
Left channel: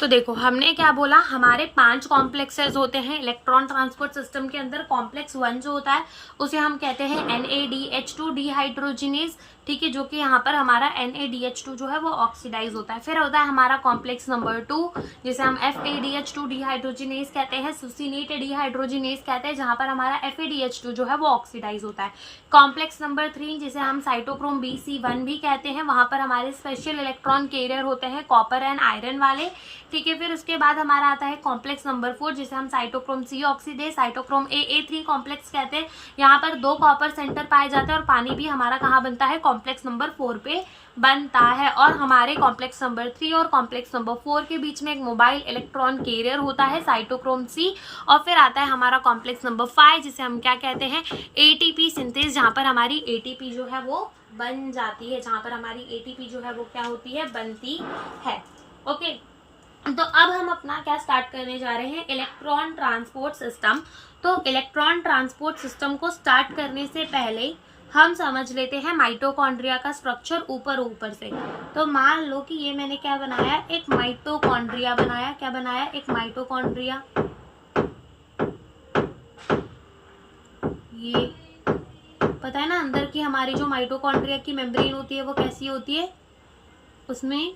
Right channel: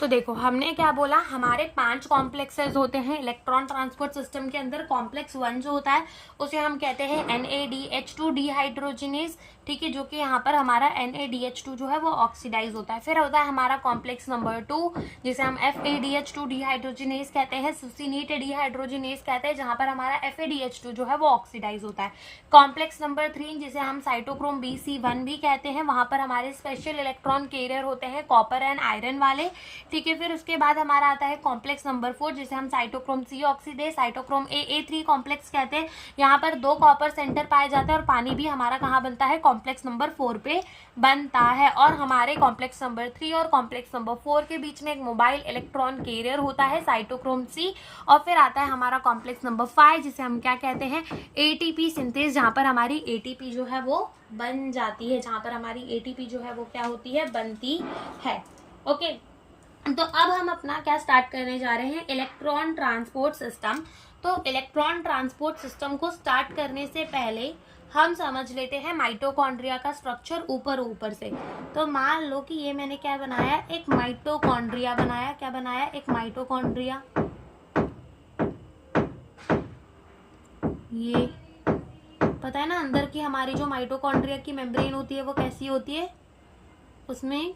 तो देखो, हमने क्या बोला? हमारे 5 कॉम्प्लेक्सेस होते हैं इलेक्ट्रॉन ट्रांसपोर्ट सिस्टम के अंदर। कॉम्प्लेक्स 1 जो होता है उसे हम कहते हैं NADH2 डिहाइड्रोजिनेज। ठीक है, जो कि यहाँ पर हमारा NADH2 जो है वो ऑक्सीडाइज होता है। फिर होता है हमारा कॉम्प्लेक्स नंबर 2, जिसे हम FADH2 डिहाइड्रोजिनेज कहते हैं, सुसिनेट डिहाइड्रोजिनेज कहते हैं, जहाँ पर हमारा FADH2 जो है वो ऑक्सीडाइज होता है। कॉम्प्लेक्स नंबर 3, जिसे हम साइटोक्रोम BC1 भी कहते हैं, वहाँ पर हमारे स्पेशल इलेक्ट्रॉन कैरियर होते हैं कॉपर एंड आयरन वाले। ठीक है, फिर उसके बाद हमारा आता है कॉम्प्लेक्स नंबर 4, जिसे हम cytochrome C oxidase, cytochrome AA3 complex कहते हैं। यहाँ पर 2 कॉपर सेंटर पाए जाते हैं, और पानी भी हमारा कहाँ बनता है? कॉम्प्लेक्स नंबर 4 पे बनता है। और हमारे कॉम्प्लेक्स नंबर 3 और कॉम्प्लेक्स नंबर 4 के बीच में एक मोबाइल इलेक्ट्रॉन कैरियर होता है साइटोक्रोम C। और फिर आता है हमारा कॉम्प्लेक्स नंबर 5, जिसे हम क्या कहते हैं? एटीपी सिंथेज, जहाँ पर हमारी एटीपी जो है वो बन जाती है, जहाँ पर हमारी एटीपी जो है वो क्या होती है? बनती है। ओके, तो अब हम अपना क्या स्टार्ट करने जा रहे हैं? Electron transport system. तो इलेक्ट्रॉन ट्रांसपोर्ट सिस्टम को स्टार्ट करने से पहले हम समझ लेते हैं माइटोकॉन्ड्रिया का स्ट्रक्चर ऊपर से। तो मान लो कि ये मैंने क्या बनाया? एक माइटोकॉन्ड्रिया बनाया। क्या बनाया? एक माइटोकॉन्ड्रिया। ये पता है ना, अंदर की हमारी जो माइटोकॉन्ड्रिया की मेम्ब्रेन होती है वो कैसी होती है? उसमें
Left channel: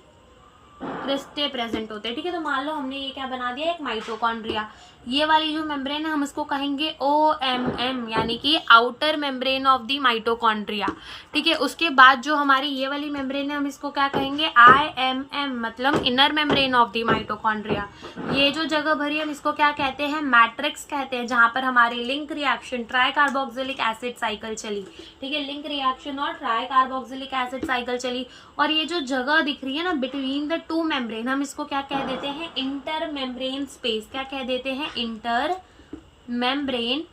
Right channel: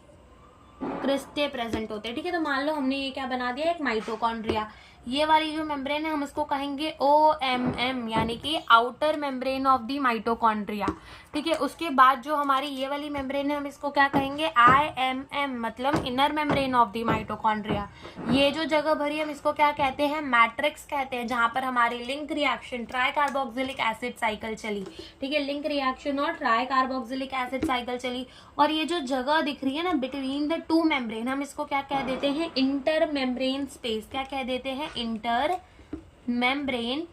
क्रिस्टे प्रेजेंट होते हैं। ठीक है, तो मान लो हमने ये क्या बना दिया? एक माइटोकॉन्ड्रिया। ये वाली जो मेम्ब्रेन है हम इसको कहेंगे OMM, यानी कि outer membrane of the mitochondria. ठीक है, उसके बाद जो हमारी ये वाली मेम्ब्रेन है हम इसको क्या कहेंगे? IMM, मतलब inner membrane of the mitochondria. ये जो जगह भरी हम इसको क्या कहते हैं? मैट्रिक्स कहते हैं, जहां पर हमारी link reaction try carboxylic acid cycle चली। ठीक है, लिंक रिएक्शन और ट्राई कार्बोक्सिलिक एसिड साइकिल चली। और ये जो जगह दिख रही है ना बिटवीन द 2 मेम्ब्रेन, हम इसको क्या कह देते हैं? Inter membrane space. क्या कह देते हैं? Inter membrane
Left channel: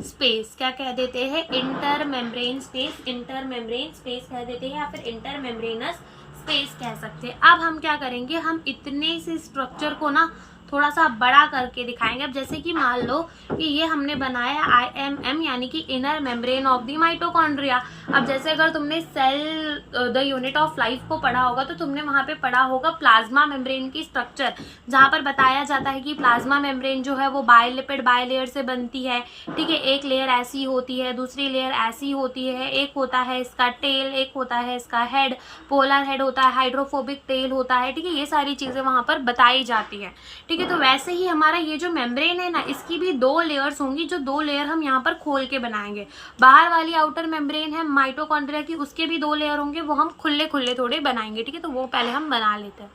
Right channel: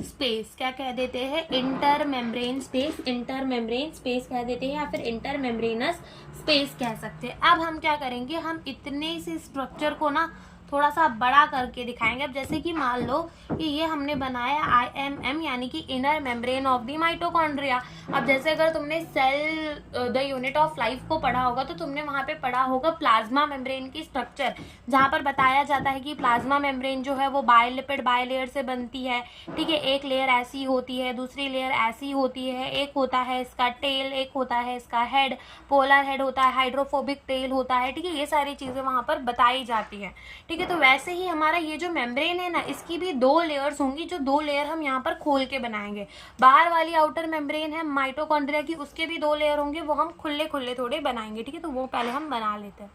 space. क्या कह देते हैं? Inter membrane space. Inter membrane space कह देते हैं, या फिर इंटर मेम्ब्रेनस स्पेस कह सकते हैं। अब हम क्या करेंगे? हम इतने से स्ट्रक्चर को ना थोड़ा सा बड़ा करके दिखाएंगे। अब जैसे कि मान लो कि ये हमने बनाया IMM, यानी कि inner membrane of the mitochondria. अब जैसे अगर तुमने cell the unit of life को पढ़ा होगा तो तुमने वहां पे पढ़ा होगा प्लाज्मा मेम्ब्रेन की स्ट्रक्चर, जहां पर बताया जाता है कि प्लाज्मा मेम्ब्रेन जो है वो बायलिपिड बायलेयर से बनती है। ठीक है, एक लेयर ऐसी होती है, दूसरी लेयर ऐसी होती है, एक होता है इसका टेल, एक होता है इसका हेड, पोलर हेड होता है, हाइड्रोफोबिक टेल होता है। ठीक है, ये सारी चीजें वहां पर बताई जाती है। ठीक है, तो वैसे ही हमारा ये जो मेम्ब्रेन है ना, इसकी भी 2 लेयर्स होंगी, जो 2 लेयर हम यहाँ पर खोल के बनाएंगे। बाहर वाली आउटर मेम्ब्रेन है माइटोकॉन्ड्रिया की, उसके भी 2 लेयर होंगे, वो हम खुले खुले थोड़े बनाएंगे। ठीक है, तो वो पहले हम बना लेते हैं।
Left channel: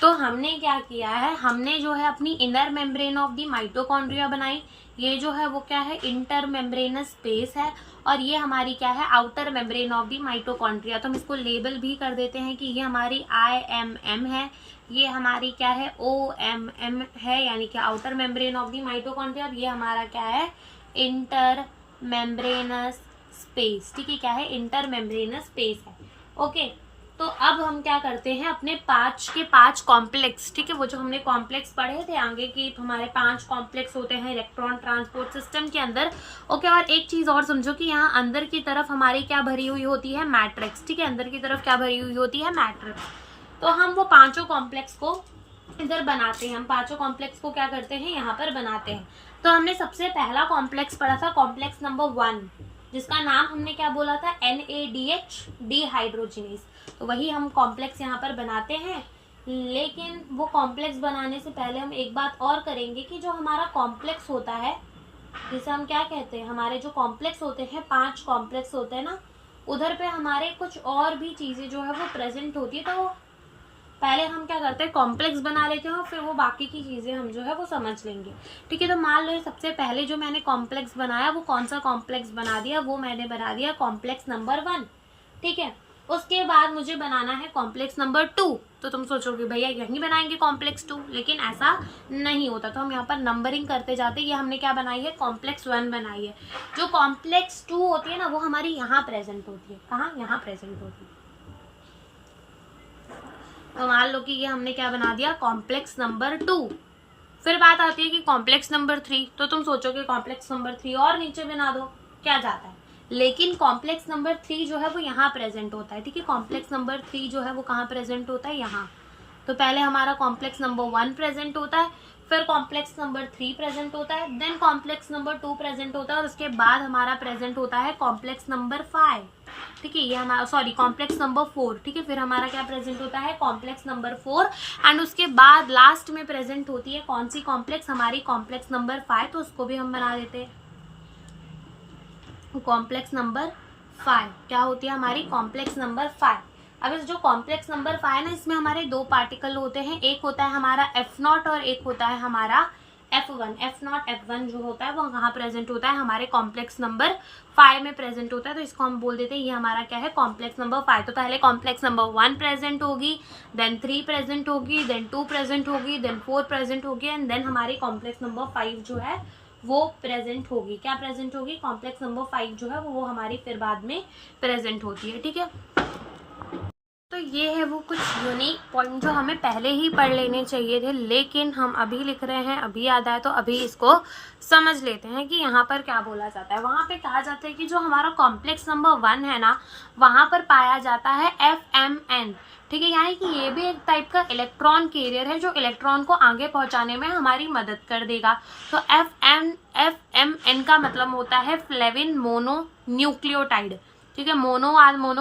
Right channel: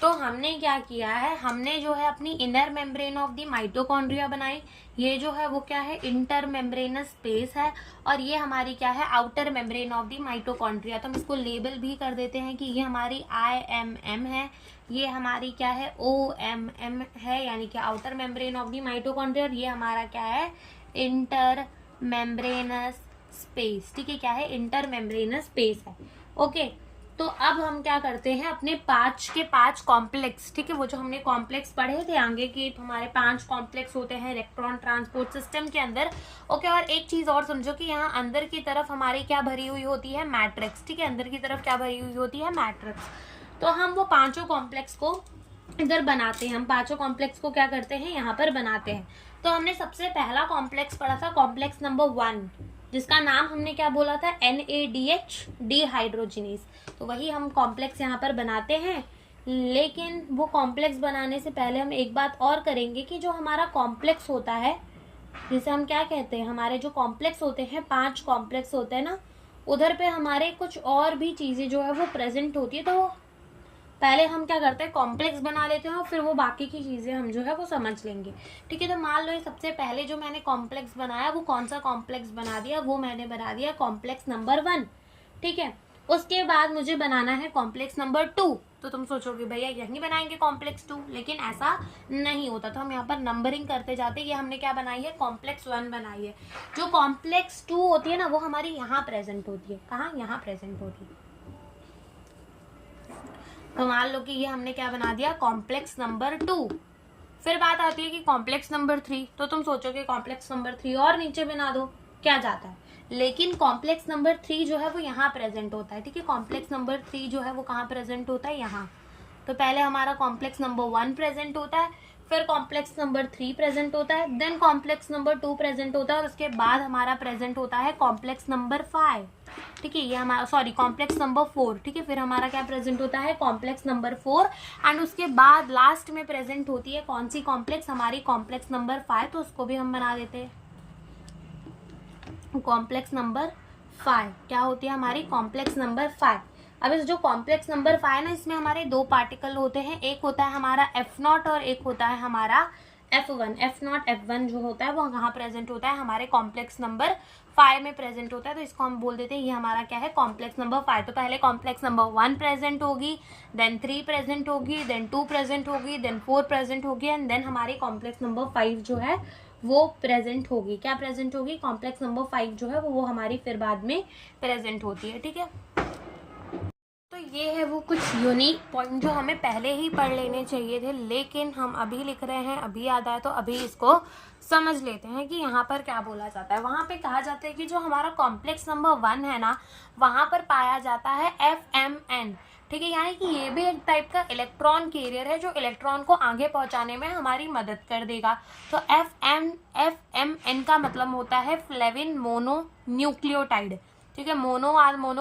तो हमने क्या किया है? हमने जो है अपनी inner membrane of the mitochondria बनाई। ये जो है वो क्या है, इंटर मेम्ब्रेनस स्पेस है, और ये हमारी क्या है, outer membrane of the mitochondria. तो हम इसको लेबल भी कर देते हैं कि ये हमारी IMM है, ये हमारी क्या है, OMM है, यानी कि outer membrane of the mitochondria, और ये हमारा क्या है, इंटर मेम्ब्रेनस स्पेस। ठीक है, क्या है, इंटर मेम्ब्रेनस स्पेस है। ओके, तो अब हम क्या करते हैं, अपने 5 के 5 कॉम्प्लेक्स, ठीक है, वो जो हमने कॉम्प्लेक्स पढ़े थे आगे कि हमारे 5 कॉम्प्लेक्स होते हैं इलेक्ट्रॉन ट्रांसपोर्ट सिस्टम के अंदर। ओके, और एक चीज और समझो कि यहाँ अंदर की तरफ हमारी क्या भरी हुई होती है, मैट्रिक्स। ठीक है, अंदर की तरफ क्या भरी हुई होती है, मैट्रिक्स। तो हम वो 5 कॉम्प्लेक्स को इधर बनाते हैं, हम 5 कॉम्प्लेक्स को क्या करते हैं, यहाँ पर बनाते हैं। तो हमने सबसे पहला कॉम्प्लेक्स पढ़ा था, कॉम्प्लेक्स नंबर 1, जिसका नाम हमने क्या बोला था, NADH डिहाइड्रोजिनेज। तो वही हम कॉम्प्लेक्स यहाँ पर बनाते हैं। लेकिन वो कॉम्प्लेक्स बनाने से पहले हम एक बात और करेंगे कि जो हमारा कॉम्प्लेक्स होता है, जिसे हम क्या कहते हैं, हमारे जो कॉम्प्लेक्स होते हैं, 5 कॉम्प्लेक्स होते हैं ना, उधर पे हमारे कुछ और भी चीजें जो है वो प्रेजेंट होती है। तो पहले हम क्या करते हैं, कॉम्प्लेक्स बना लेते हैं और फिर वो बाकी की चीजें हम जो है वो समझ लेंगे। ठीक है, तो मान लो ये सबसे पहले जो मैंने कॉम्प्लेक्स बनाया, वो कौन सा कॉम्प्लेक्स बना दिया, वो मैंने बना दिया कॉम्प्लेक्स नंबर 1। ठीक है, उसके बाद मुझे बनाना है कॉम्प्लेक्स नंबर 2। तो तुम सोचोगे भैया यहीं बनाएंगे कॉम्प्लेक्स 2, लेकिन ऐसा नहीं होता। तो हम यहाँ पर नंबरिंग करते जाते हैं। ये हमने क्या बनाई है, कॉम्प्लेक्स 1 बनाई है। जो कॉम्प्लेक्स 2 होती है ना, वो हमारी यहाँ प्रेजेंट होती है। कहाँ, यहाँ प्रेजेंट होती है। तो मान लो कि ये हमने क्या बना दिया, कॉम्प्लेक्स नंबर 2। फिर बात आती है कि कॉम्प्लेक्स नंबर 3। तो तुम सोचोगे कॉम्प्लेक्स नंबर 3 और नीचे बना दो, क्या जाता है, लेकिन कॉम्प्लेक्स नंबर 3 जो है वो यहाँ प्रेजेंट होता है। ठीक है, कॉम्प्लेक्स नंबर 3 जो है वो कहाँ प्रेजेंट होता है, यहाँ। तो पहले हमारा कॉम्प्लेक्स नंबर 1 प्रेजेंट होता है, फिर कॉम्प्लेक्स नंबर 3 प्रेजेंट होता है, देन कॉम्प्लेक्स नंबर 2 प्रेजेंट होता है, और उसके बाद हमारा प्रेजेंट होता है कॉम्प्लेक्स नंबर 5। ठीक है, ये हमारा सॉरी कॉम्प्लेक्स नंबर 4। ठीक है, फिर हमारा क्या प्रेजेंट होता है, कॉम्प्लेक्स नंबर 4, एंड उसके बाद लास्ट में प्रेजेंट होती है कौन सी कॉम्प्लेक्स, हमारी कॉम्प्लेक्स नंबर 5। तो उसको भी हम बना देते हैं, कॉम्प्लेक्स नंबर 5 क्या होती है, हमारी कॉम्प्लेक्स नंबर 5। अब इस जो कॉम्प्लेक्स नंबर 5 है ना, इसमें हमारे 2 पार्टिकल होते हैं, एक होता है हमारा F0 और एक होता है हमारा F1। F0 F1 जो होता है वो कहाँ प्रेजेंट होता है, हमारे कॉम्प्लेक्स नंबर 5 में प्रेजेंट होता है। तो इसको हम बोल देते हैं ये हमारा क्या है, कॉम्प्लेक्स नंबर 5। तो पहले कॉम्प्लेक्स नंबर 1 प्रेजेंट होगी, देन 3 प्रेजेंट होगी, देन 2 प्रेजेंट होगी, देन 4 प्रेजेंट होगी, एंड देन हमारी कॉम्प्लेक्स नंबर 5 जो है वो प्रेजेंट होगी। क्या प्रेजेंट होगी, कॉम्प्लेक्स नंबर 5 जो है वो हमारी फिर बाद में प्रेजेंट होती है। ठीक है, तो ये है वो कुछ यूनिक पॉइंट जो हमें पहले ही पढ़ लेने चाहिए थे, लेकिन हम अभी लिख रहे हैं, अभी याद आया, तो अभी इसको समझ लेते हैं कि यहाँ पर क्या बोला जाता है। वहाँ पे कहा जाता है कि जो हमारा कॉम्प्लेक्स नंबर 1 है ना, वहाँ पर पाया जाता है FMN। ठीक है, यानी कि ये भी एक टाइप का इलेक्ट्रॉन कैरियर है जो इलेक्ट्रॉन को आगे पहुंचाने में हमारी मदद कर देगा। तो FMN का मतलब होता है फ्लेविन मोनो न्यूक्लियोटाइड। ठीक है, मोनो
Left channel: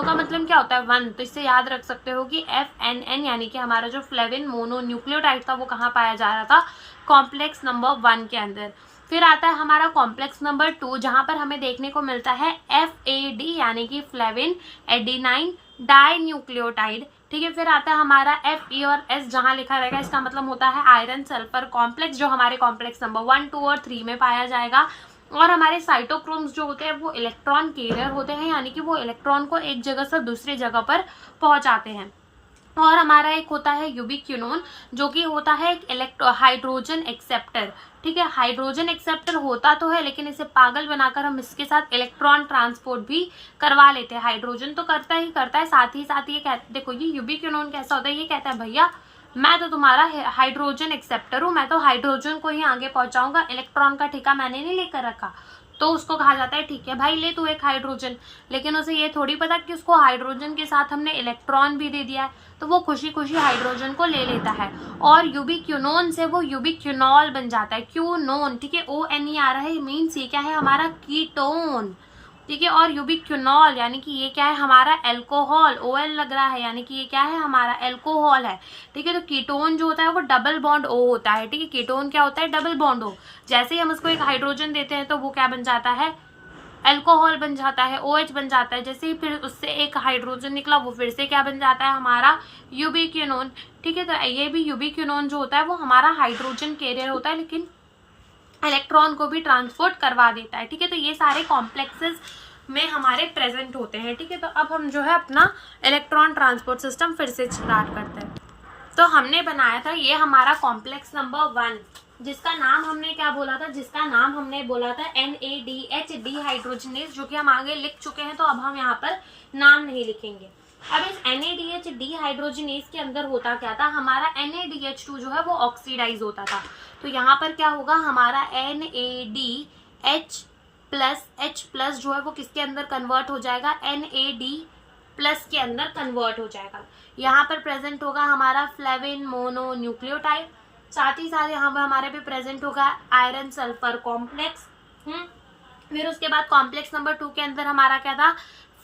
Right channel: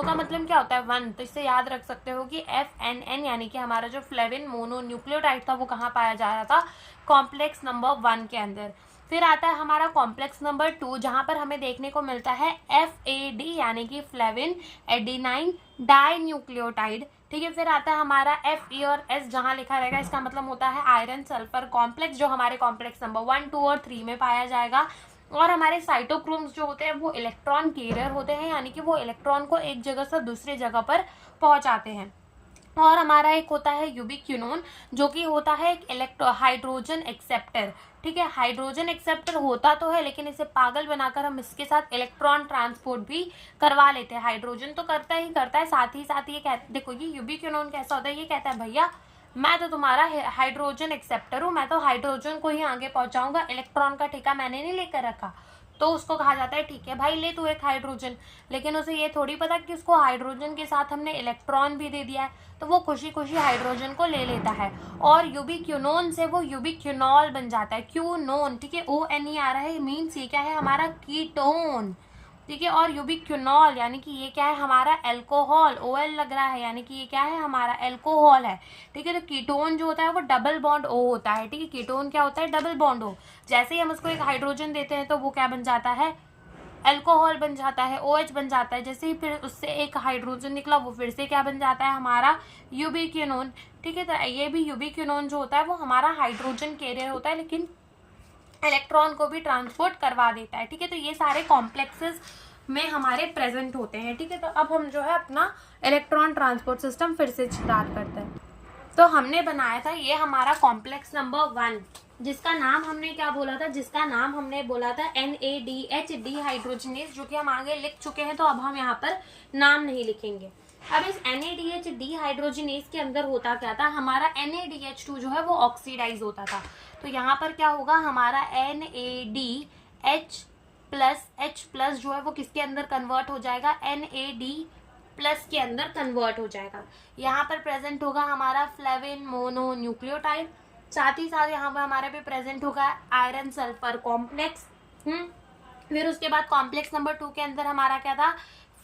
का मतलब क्या होता है, 1। तो इससे याद रख सकते हो कि FNN यानी कि हमारा जो फ्लेविन मोनो न्यूक्लियोटाइड था वो कहाँ पाया जा रहा था, कॉम्प्लेक्स नंबर 1 के अंदर। फिर आता है हमारा कॉम्प्लेक्स नंबर 2, जहां पर हमें देखने को मिलता है FAD यानी कि फ्लेविन एडिनाइन डाई न्यूक्लियोटाइड। ठीक है, फिर आता है हमारा FE और S, जहां लिखा रहेगा इसका मतलब होता है आयरन सल्फर कॉम्प्लेक्स, जो हमारे कॉम्प्लेक्स नंबर 1, 2 और 3 में पाया जाएगा। और हमारे साइटोक्रोम्स जो होते हैं वो इलेक्ट्रॉन कैरियर होते हैं, यानी कि वो इलेक्ट्रॉन को एक जगह से दूसरी जगह पर पहुंचाते हैं। और हमारा एक होता है यूबिक्विनोन, जो कि होता है एक हाइड्रोजन एक्सेप्टर। ठीक है, हाइड्रोजन एक्सेप्टर होता तो है, लेकिन इसे पागल बनाकर हम इसके साथ इलेक्ट्रॉन ट्रांसपोर्ट भी करवा लेते हैं। हाइड्रोजन तो करता ही करता है, साथ ही ये देखो ये यूबिक्विनोन कैसा होता है, ये कहता है भैया मैं तो तुम्हारा हाइड्रोजन एक्सेप्टर हूँ, मैं तो हाइड्रोजन को ही आगे पहुंचाऊंगा, इलेक्ट्रॉन का ठेका मैंने नहीं लेकर रखा। तो उसको कहा जाता है ठीक है भाई ले तू एक हाइड्रोजन, लेकिन उसे ये थोड़ी पता कि उसको हाइड्रोजन के साथ हमने इलेक्ट्रॉन भी दे दिया है, तो वो खुशी खुशी हाइड्रोजन को ले लेता है और यूबिक्विनोन से वो यूबिक्विनॉल बन जाता है, क्यूनोन। ठीक है, ONE आ रहा है, मीन्स ये क्या है, हमारा कीटोन। ठीक है, और यूबिक्विनॉल यानी कि ये क्या है, हमारा एल्कोहल, OL लग रहा है, यानी कि ये क्या है, हमारा एल्कोहल है। ठीक है, तो कीटोन जो होता है वो डबल बॉन्ड O होता है। ठीक है, कीटोन क्या होता है, डबल बॉन्ड O। जैसे ही हम उसको एक हाइड्रोजन देते हैं तो वो क्या बन जाता है, एल्कोहल बन जाता है, OH बन जाता है। जैसे ही फिर उससे एक हाइड्रोजन निकला वो फिर से क्या बन जाता है, हमारा यूबिक्विनोन। ठीक है, तो ये भी यूबिक्विनोन जो होता है वो हमारा हाइड्रोजन कैरियर होता है, लेकिन इलेक्ट्रॉन को भी ट्रांसपोर्ट करवा देता है। ठीक है, तो ये सारे कॉम्प्लेक्सेस में हमारे प्रेजेंट होते हैं। ठीक है, तो अब हम जो है अपना इलेक्ट्रॉन ट्रांसपोर्ट सिस्टम फिर से स्टार्ट करते हैं। तो हमने बनाया था ये हमारा कॉम्प्लेक्स नंबर 1, जिसका नाम हमने क्या बोला था, जिसका नाम हमने बोला था NADH डिहाइड्रोजनेज, जो कि हम आगे लिख चुके हैं, तो अब हम यहाँ पर नाम नहीं लिखेंगे। अब इस NADH डिहाइड्रोजनेज के अंदर होता क्या था, हमारा NADH2 जो है वो ऑक्सीडाइज होता था। तो यहाँ पर क्या होगा, हमारा NADH प्लस H+ जो है वो किसके अंदर कन्वर्ट हो जाएगा, NAD+ के अंदर कन्वर्ट हो जाएगा। यहाँ पर प्रेजेंट होगा हमारा फ्लेविन मोनो न्यूक्लियोटाइड, साथ ही साथ यहाँ पर हमारे पे प्रेजेंट होगा आयरन सल्फर कॉम्प्लेक्स। फिर उसके बाद कॉम्प्लेक्स नंबर 2 के अंदर हमारा क्या था,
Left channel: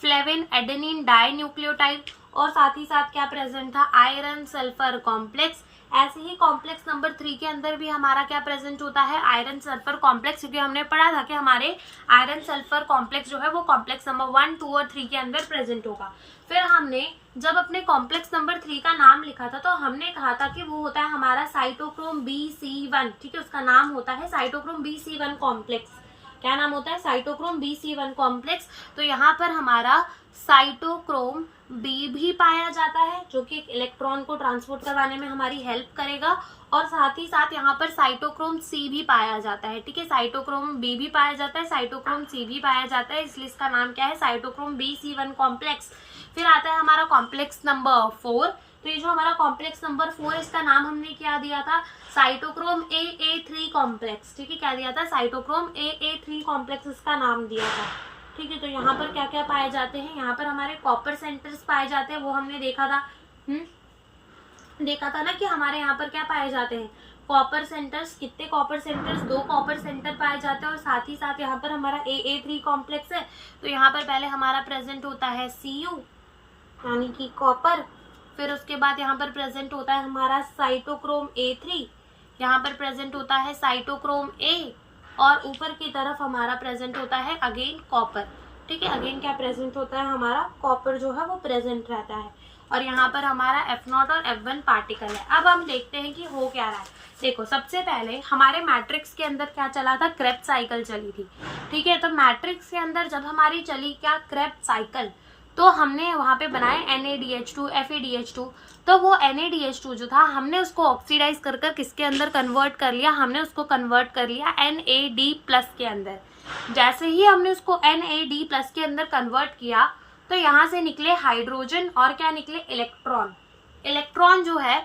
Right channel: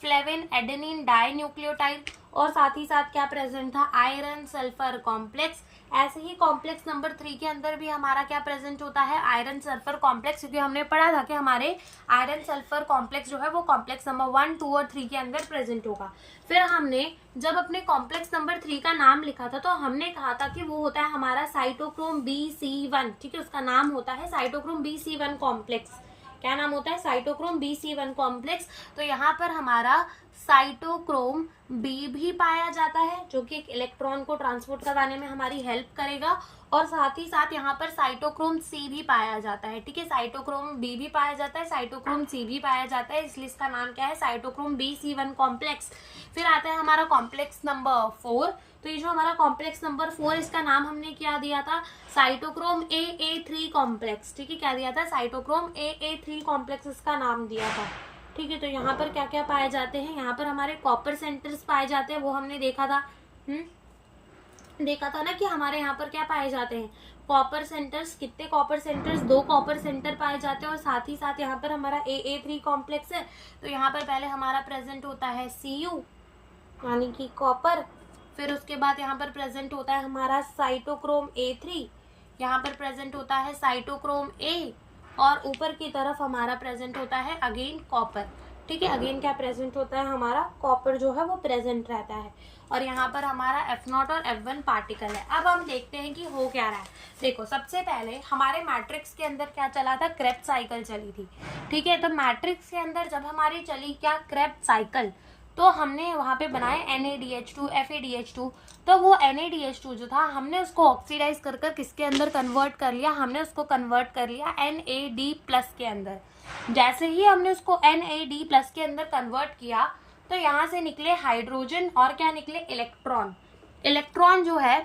फ्लेविन एडेनिन डाई न्यूक्लियोटाइड, और साथ ही साथ क्या प्रेजेंट था, आयरन सल्फर कॉम्प्लेक्स। ऐसे ही कॉम्प्लेक्स नंबर 3 के अंदर भी हमारा क्या प्रेजेंट होता है, आयरन सल्फर कॉम्प्लेक्स, क्योंकि हमने पढ़ा था कि हमारे आयरन सल्फर कॉम्प्लेक्स जो है वो कॉम्प्लेक्स नंबर 1, 2 और 3 के अंदर प्रेजेंट होगा। फिर हमने जब अपने कॉम्प्लेक्स नंबर 3 का नाम लिखा था, तो हमने कहा था कि वो होता है हमारा साइटोक्रोम BC1। ठीक है, उसका नाम होता है साइटोक्रोम BC1 कॉम्प्लेक्स। क्या नाम होता है, साइटोक्रोम BC1 कॉम्प्लेक्स। तो यहाँ पर हमारा साइटोक्रोम बी भी पाया जाता है, जो कि एक इलेक्ट्रॉन को ट्रांसपोर्ट करवाने में हमारी हेल्प करेगा, और साथ ही साथ यहाँ पर साइटोक्रोम C भी पाया जाता है। ठीक है, साइटोक्रोम बी भी पाया जाता है, साइटोक्रोम C भी पाया जाता है, इसलिए इसका नाम क्या है, साइटोक्रोम BC1 कॉम्प्लेक्स। फिर आता है हमारा कॉम्प्लेक्स नंबर 4। तो ये जो हमारा कॉम्प्लेक्स नंबर 4, इसका नाम हमने क्या दिया था, साइटोक्रोम AA3 कॉम्प्लेक्स। ठीक है, क्या दिया था, साइटोक्रोम AA3 कॉम्प्लेक्स इसका नाम दिया था। ठीक है, तो यहाँ पर क्या क्या पाए जाते हैं, यहाँ पर हमारे कॉपर सेंटर्स पाए जाते हैं, वो हमने देखा था। देखा था ना कि हमारे यहाँ पर क्या पाए जाते हैं, कॉपर सेंटर्स। कितने कॉपर सेंटर्स, 2 कॉपर सेंटर पाए जाते हैं, और साथ ही साथ यहाँ पर हमारा AA3 कॉम्प्लेक्स है। तो यहाँ पर पहले हमारा प्रेजेंट होता है Cu यानी कि कॉपर, फिर उसके बाद यहाँ पर प्रेजेंट होता है हमारा साइटोक्रोम A3, यहाँ पर प्रेजेंट होता है साइटोक्रोम A, और ऊपर की तरफ हमारा प्रेजेंट होता है अगेन कॉपर। ठीक है, अगेन क्या प्रेजेंट होता है, हमारा कॉपर जो है वो प्रेजेंट रहता है, और यहाँ पर हमारा F0 और F1 पार्टिकल है। अब हम देखते हैं कि हो क्या रहा है। देखो, सबसे पहले हमारे मैट्रिक्स के अंदर क्या चला था, क्रेब्स साइकिल चली थी। ठीक है, तो मैट्रिक्स के अंदर जब हमारी चली क्या, क्रेब्स साइकिल, तो हमने वहाँ पे बनाए NADH2 FADH2। तो वो NADH2 जो था, हमने उसको ऑक्सीडाइज कर किसके अंदर कन्वर्ट कर लिया, हमने उसको कन्वर्ट कर लिया NAD+ के अंदर। जैसे ही हमने उसको NAD+ के अंदर कन्वर्ट किया, तो यहाँ से निकले हाइड्रोजन, और क्या निकले, इलेक्ट्रॉन। इलेक्ट्रॉन जो है,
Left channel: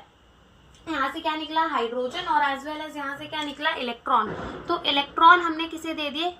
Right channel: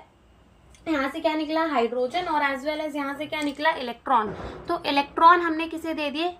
यहाँ से क्या निकला, हाइड्रोजन, और एज वेल एज यहाँ से क्या निकला, इलेक्ट्रॉन। तो इलेक्ट्रॉन हमने किसे दे दिए,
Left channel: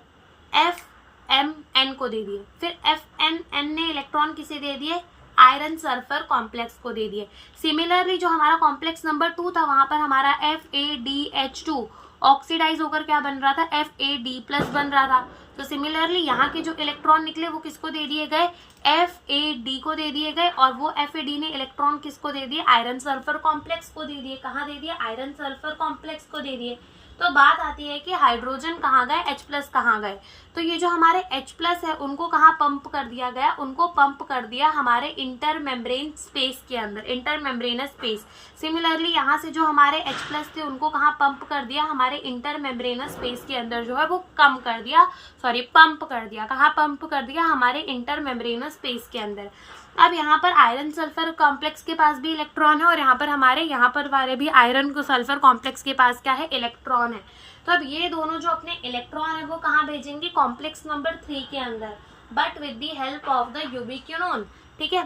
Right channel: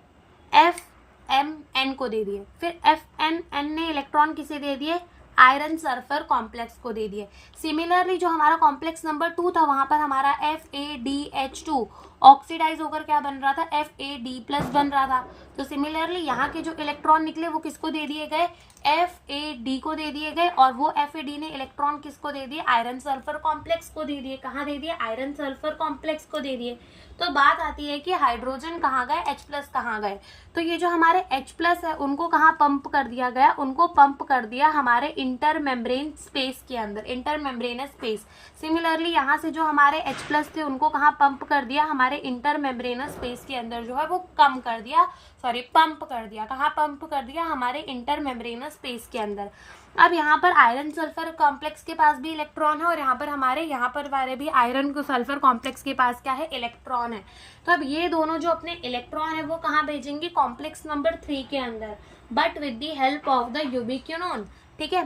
FMN को दे दिए। फिर FMN ने इलेक्ट्रॉन किसे दे दिए, आयरन सल्फर कॉम्प्लेक्स को दे दिए। सिमिलरली जो हमारा कॉम्प्लेक्स नंबर 2 था, वहां पर हमारा FADH2 ऑक्सीडाइज होकर क्या बन रहा था, FAD+ बन रहा था। तो सिमिलरली यहाँ के जो इलेक्ट्रॉन निकले वो किसको दे दिए गए, FAD को दे दिए गए, और वो FAD ने इलेक्ट्रॉन किसको दे दिए, आयरन सल्फर कॉम्प्लेक्स को दे दिए। कहाँ दे दिए, आयरन सल्फर कॉम्प्लेक्स को दे दिए। तो बात आती है कि हाइड्रोजन कहाँ गए, H+ कहाँ गए। तो ये जो हमारे H+ है, उनको कहाँ पंप कर दिया गया, उनको पंप कर दिया हमारे इंटर मेम्ब्रेन स्पेस के अंदर, इंटर मेम्ब्रेनस स्पेस। सिमिलरली यहाँ से जो हमारे H+ थे, उनको कहाँ पंप कर दिया, हमारे इंटर मेम्ब्रेनस स्पेस के अंदर जो है वो कम कर दिया, पंप कर दिया। कहाँ पंप कर दिया, हमारे इंटर मेम्ब्रेनस स्पेस के अंदर। अब यहाँ पर आयरन सल्फर कॉम्प्लेक्स के पास भी इलेक्ट्रॉन है, और यहाँ पर हमारे यहाँ पर वाले भी आयरन को सल्फर कॉम्प्लेक्स के पास क्या है, इलेक्ट्रॉन है। तो अब ये दोनों जो अपने इलेक्ट्रॉन है वो कहाँ भेजेंगे, कॉम्प्लेक्स नंबर 3 के अंदर, but with the help of the यूबिक्विनोन। ठीक है,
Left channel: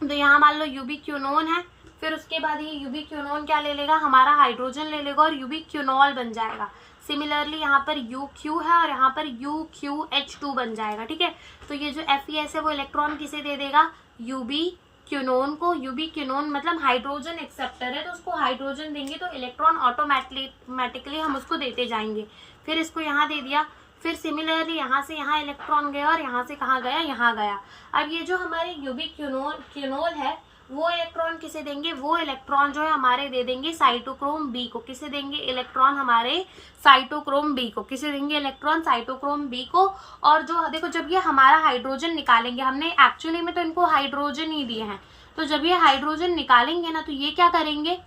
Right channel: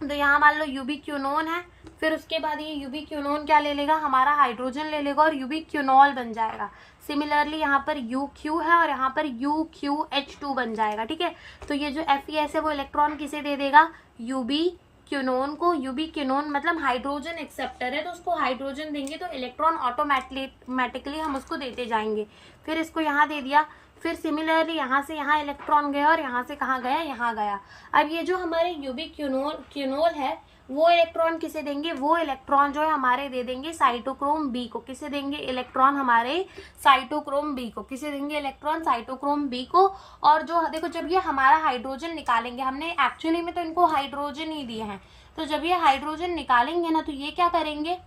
तो यहाँ मान लो यूबिक्विनोन है, फिर उसके बाद ये यूबिक्विनोन क्या ले लेगा, हमारा हाइड्रोजन ले लेगा, और यूबिक्विनोल बन जाएगा। सिमिलरली यहाँ पर UQ है, और यहाँ पर UQH2 बन जाएगा। ठीक है, तो ये जो FeS है वो इलेक्ट्रॉन किसे दे देगा, यूबिक्विनोन को। यूबिक्विनोन मतलब हाइड्रोजन एक्सेप्टर है, तो उसको हाइड्रोजन देंगे तो इलेक्ट्रॉन ऑटोमेटिकली हम उसको देते जाएंगे। फिर इसको यहाँ दे दिया, फिर सिमिलरली यहाँ से यहाँ इलेक्ट्रॉन गया, और यहाँ से कहाँ गया, यहाँ गया। अब ये जो हमारे यूबिक्विनोल है, वो इलेक्ट्रॉन किसे देंगे, वो इलेक्ट्रॉन जो है हमारे दे देंगे साइटोक्रोम B को। किसे देंगे, इलेक्ट्रॉन हमारे साइटोक्रोम B को। किसे देंगे, इलेक्ट्रॉन साइटोक्रोम B को। और जो देखो, जब ये हमारा हाइड्रोजन निकालेंगे, हमने एक्चुअली में तो इनको हाइड्रोजन ही दिए हैं, तो जब ये हाइड्रोजन निकालेंगे ना, तो ये क्या करेंगे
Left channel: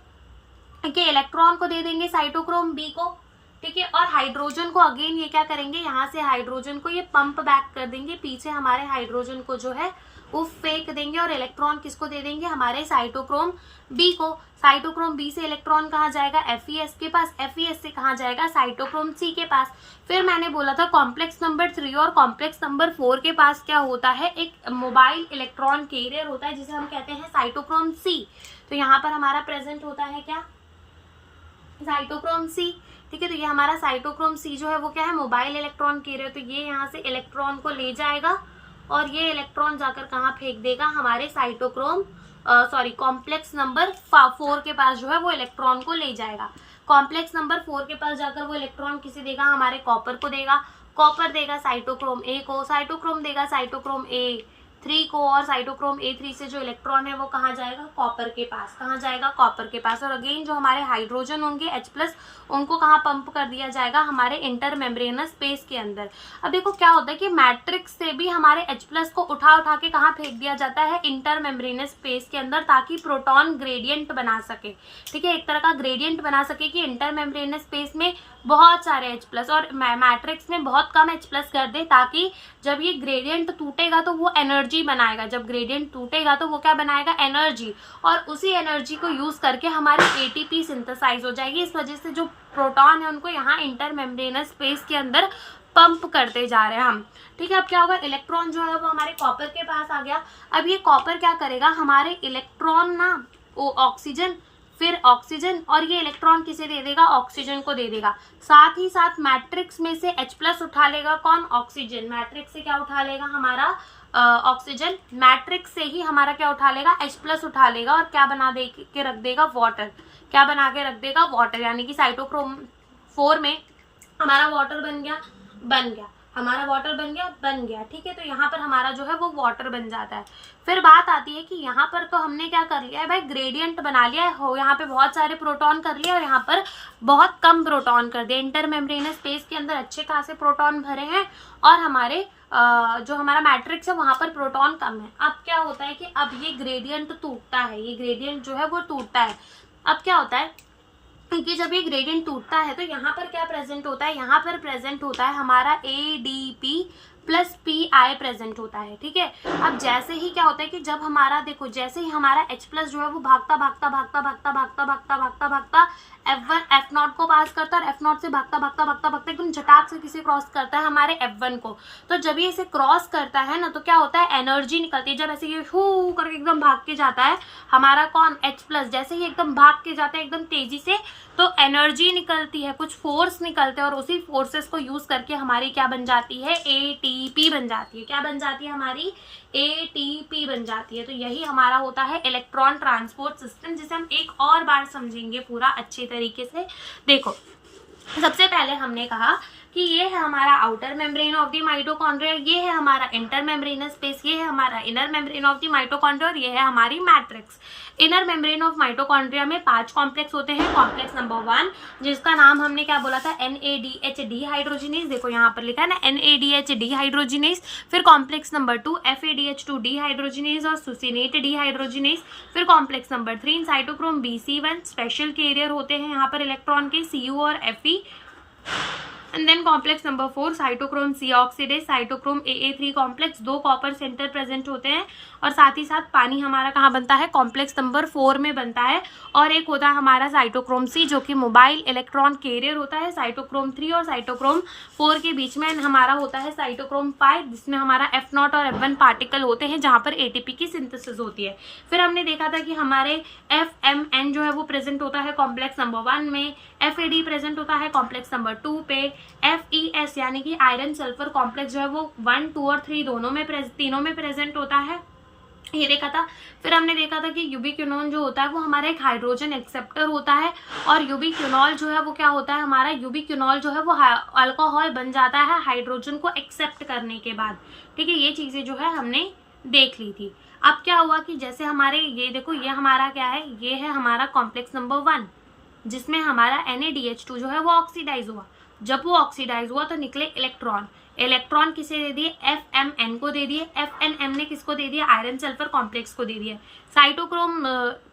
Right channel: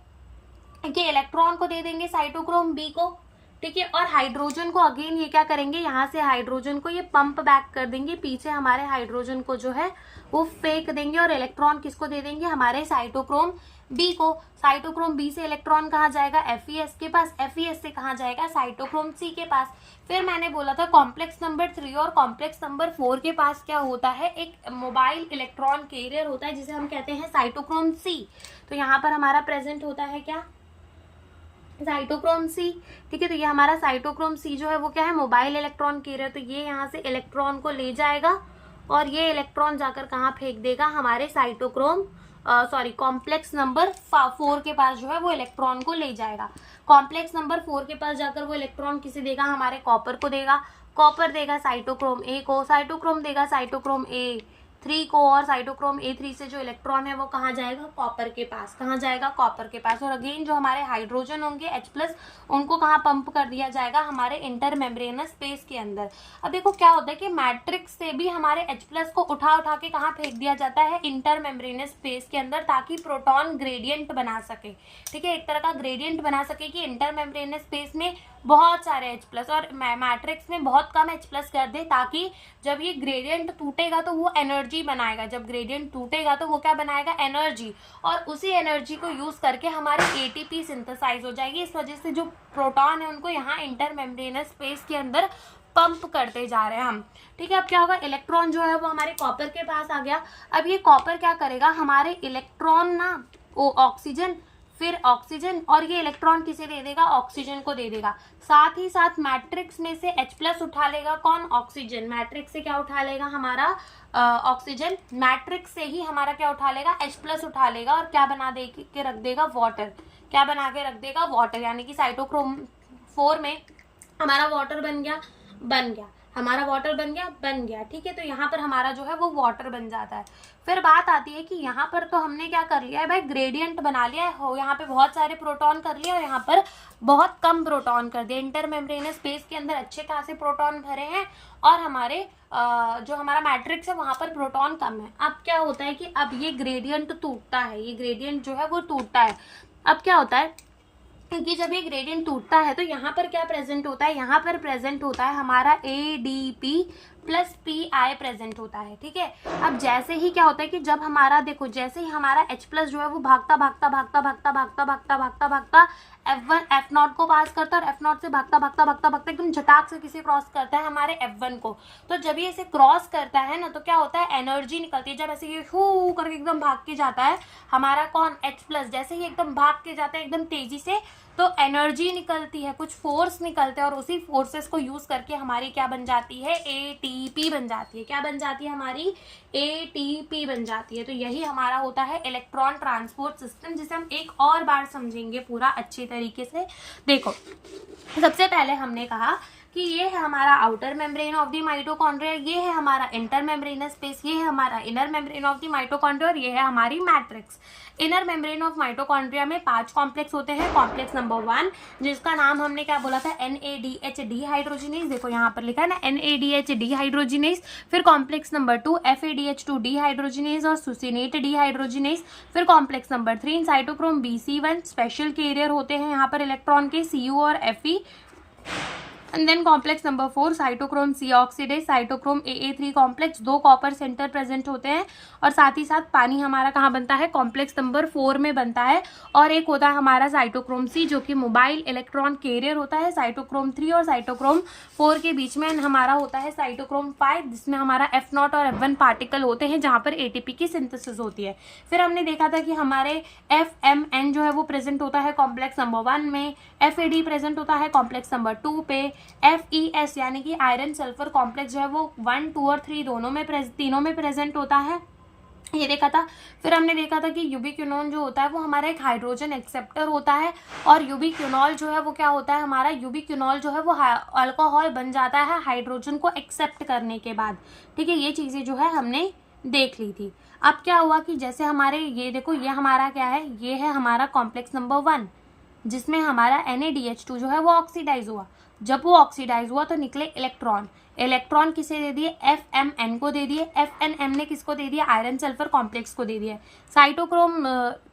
कि इलेक्ट्रॉन को दे देंगे साइटोक्रोम B को। ठीक है। और हाइड्रोजन को अगेन ये क्या करेंगे, यहाँ से हाइड्रोजन को ये पंप बैक कर देंगे पीछे, हमारे हाइड्रोजन को जो है वो फेंक देंगे और इलेक्ट्रॉन किसको दे देंगे, हमारे साइटोक्रोम बी को। साइटोक्रोम बी से इलेक्ट्रॉन कहाँ जाएगा, FeS के पास, FeS से कहाँ जाएगा, साइटोक्रोम सी के पास। फिर मैंने बोला था कॉम्प्लेक्स नंबर 3 और कॉम्प्लेक्स नंबर 4 के पास क्या होता है, एक मोबाइल इलेक्ट्रॉन कैरियर होता है जिसे हम कहते हैं साइटोक्रोम सी। तो यहाँ पर हमारा प्रेजेंट होता है क्या, साइटोक्रोम सी। ठीक है, तो ये हमारा साइटोक्रोम सी जो है वो क्या है, मोबाइल इलेक्ट्रॉन कैरियर। तो ये यहाँ से इलेक्ट्रॉन को ले जाएगा और ये इलेक्ट्रॉन जाकर कहाँ फेंक देगा, हमारे साइटोक्रोम कॉम्प्लेक्स नंबर 4 के पास जो है वो इलेक्ट्रॉन को ले जाएगा। कॉम्प्लेक्स नंबर 4 के पास जाकर वो इलेक्ट्रॉन किसे देगा, हमारे कॉपर को देगा। कॉपर देगा साइटोक्रोम ए को, साइटोक्रोम देगा साइटोक्रोम A3 को, और साइटोक्रोम A3 से जो इलेक्ट्रॉन है वो कहाँ जाएगा, कॉपर के पास। कहाँ जाएगा, कॉपर के पास। और अगेन जो हमारे हाइड्रोजन होंगे H+, उनको कहाँ पंप कर दिया जाएगा, हमारे इंटर मेम्ब्रेनस स्पेस के अंदर। अब देखो क्या होता है कि मैट्रिक्स से भी हमारे H+ को उठा उठा के कहाँ फेंक दिया जाता है, इंटर मेम्ब्रेनस स्पेस के अंदर, ताकि प्रोटॉन ग्रेडियंट बना सके। ठीक है, एक तरह का ग्रेडियंट बना सके कि इंटर मेम्ब्रेनस स्पेस में बहुत सारे H+ और मैट्रिक्स में बहुत कम H+ कर दे, ताकि जब ये ग्रेडियंट टूटेगा तो वो एनर्जी बनाएगा। जब ग्रेडियंट टूटेगा तो वो क्या बनाएगा, एनर्जी, और उसी एनर्जी को यूज करके हमारी ATP सिंथेसाइज हो जाएगी। इस वजह से जो प्रोटॉन है उनको यहाँ इंटर मेम्ब्रेनस स्पेस के अंदर पंप करते जा रहे हैं हम। ठीक है, अब क्या होगा, इलेक्ट्रॉन जो है वो हमारे कॉपर के पास आ गया। अब ये कॉपर क्या करेगा, हमारे इलेक्ट्रॉन ना वो ऑक्सीजन, फिर ऑक्सीजन, और ये इलेक्ट्रॉन किसे दे देगा, ऑक्सीजन को दे देगा। साथ ही साथ मैट्रिक्स में से H+ उठा लेगा, कौन, ऑक्सीजन। मैट्रिक्स से क्या उठा लेगा, हमारा ऑक्सीजन। मैट्रिक्स से ही हमारा क्या उठा लेगा, H+ उठा लेगा, और क्या बना दे के रख देगा, वाटर। क्या बना के रख देगा, वाटर। यानी कि साइटोक्रोम 4 में हमारा वाटर बन गया, हमारा वाटर बन गया। ठीक है, तो यहाँ पर हमारा जो है वो वाटर बन जाता है। फिर बात आती है कि यहाँ पर तो हमने क्या कर लिया है भाई, ग्रेडियंट बना लिया है, हो यहाँ पे बहुत सारे प्रोटॉन कर लिए और यहाँ पर बहुत कम प्रोटॉन कर दिए। इंटर मेम्ब्रेनस स्पेस के अंदर अच्छे खासे प्रोटॉन भरे हैं और हमारे जो हमारा मैट्रिक्स है वहां पर प्रोटॉन कम है। अब क्या होता है कि अब ये ग्रेडियंट टूटता है, ये ग्रेडियंट जो है वो टूटता है। अब क्या होता है कि जब ये ग्रेडियंट टूटता है तो यहाँ पर क्या प्रेजेंट होता है, यहाँ पर प्रेजेंट होता है हमारा ADP प्लस PI प्रेजेंट होता है। ठीक है, अब जैसे ही क्या होता है कि जब हमारा देखो, जैसे ही हमारा H+ जो है वो भागता F1 F0 को पास करता है और F0 से भागता एकदम झटाक से किसे क्रॉस करता है, हमारे F1 को। तो जब ये इसे क्रॉस करता है ना तो क्या होता है, एनर्जी निकलती है। जब ऐसे ये हू करके एकदम भाग के जाता है हमारा कौन, H+, जैसे ही एकदम भाग के जाता है एकदम तेजी से, तो एनर्जी निकलती है, कुछ फोर्स निकलते हैं और उसी फोर्सेस को यूज करके हमारी क्या बन जाती है, ATP बन जाती है। क्या बन जाती है, हमारी ATP बन जाती है। तो यही हमारा होता है इलेक्ट्रॉन ट्रांसपोर्ट सिस्टम, जिसे हम एक और बार समझेंगे पूरा अच्छी तरीके से। देखो, सबसे पहले हमने कहा कि ये है हमारा outer membrane of the mitochondria, ये है हमारा इंटर मेम्ब्रेनस स्पेस, ये है हमारा inner membrane of the mitochondria और ये है हमारी matrix. Inner membrane of mitochondria में 5 कॉम्प्लेक्स होते हैं। कॉम्प्लेक्स नंबर 1 जिसका नाम हमने क्या बोला था, NADH डिहाइड्रोजिनेज। देखो यहाँ पर लिखा है ना, NADH डिहाइड्रोजिनेज। फिर कॉम्प्लेक्स नंबर 2 FADH2 डिहाइड्रोजिनेज और सुसिनेट डिहाइड्रोजिनेज। फिर complex number 3 cytochrome BC1 special carrier होते हैं यहाँ पर इलेक्ट्रॉन के, Cu और Fe। And then complex number 4 cytochrome C oxidase, cytochrome AA3 complex, 2 copper centre present होते हैं और साथ ही साथ पानी हमारा कहाँ बनता है, कॉम्प्लेक्स नंबर 4 में बनता है। और एक होता है हमारा साइटोक्रोम C जो कि मोबाइल इलेक्ट्रॉन कैरियर होता है। साइटोक्रोम 3 और साइटोक्रोम 4 के बीच में हमारा होता है साइटोक्रोम 5 जिसमें हमारा F0 और F1 पार्टिकल होते हैं जहाँ पर ATP की सिंथेसिस होती है। फिर हमने देखा था कि हमारे FMN जो है वो प्रेजेंट होता है कॉम्प्लेक्स नंबर 1 में, FAD प्रेजेंट होता है कॉम्प्लेक्स नंबर 2 पे, FES यानी कि आयरन सल्फर कॉम्प्लेक्स जो है वो 1, 2 और 3 तीनों में प्रेजेंट होता है, ये देखा था। फिर हमने देखा था कि यूबिक्विनोन जो होता है वो हमारा एक हाइड्रोजन एक्सेप्टर होता है और यूबिक्विनॉल जो है वो क्या होता है, हमारा यूबिक्विनॉल जो है वो अल्कोहल बन जाता है हाइड्रोजन को एक्सेप्ट करने के बाद। ठीक है, ये चीज़ें जो है हमने देख ली थी। अब क्या हुआ कि जैसे हमारे ये देखो, ये हमारा क्या है, ये है हमारा कॉम्प्लेक्स नंबर 1 जिसमें हमारा NADH2 जो है वो ऑक्सीडाइज हुआ। जब वो ऑक्सीडाइज हुआ तो निकले इलेक्ट्रॉन। इलेक्ट्रॉन किसे दे दिए, FMN को दे दिए। FNM ने किसको दे दिया, आयरन सल्फर कॉम्प्लेक्स को दे दिया। साइटोक्रोम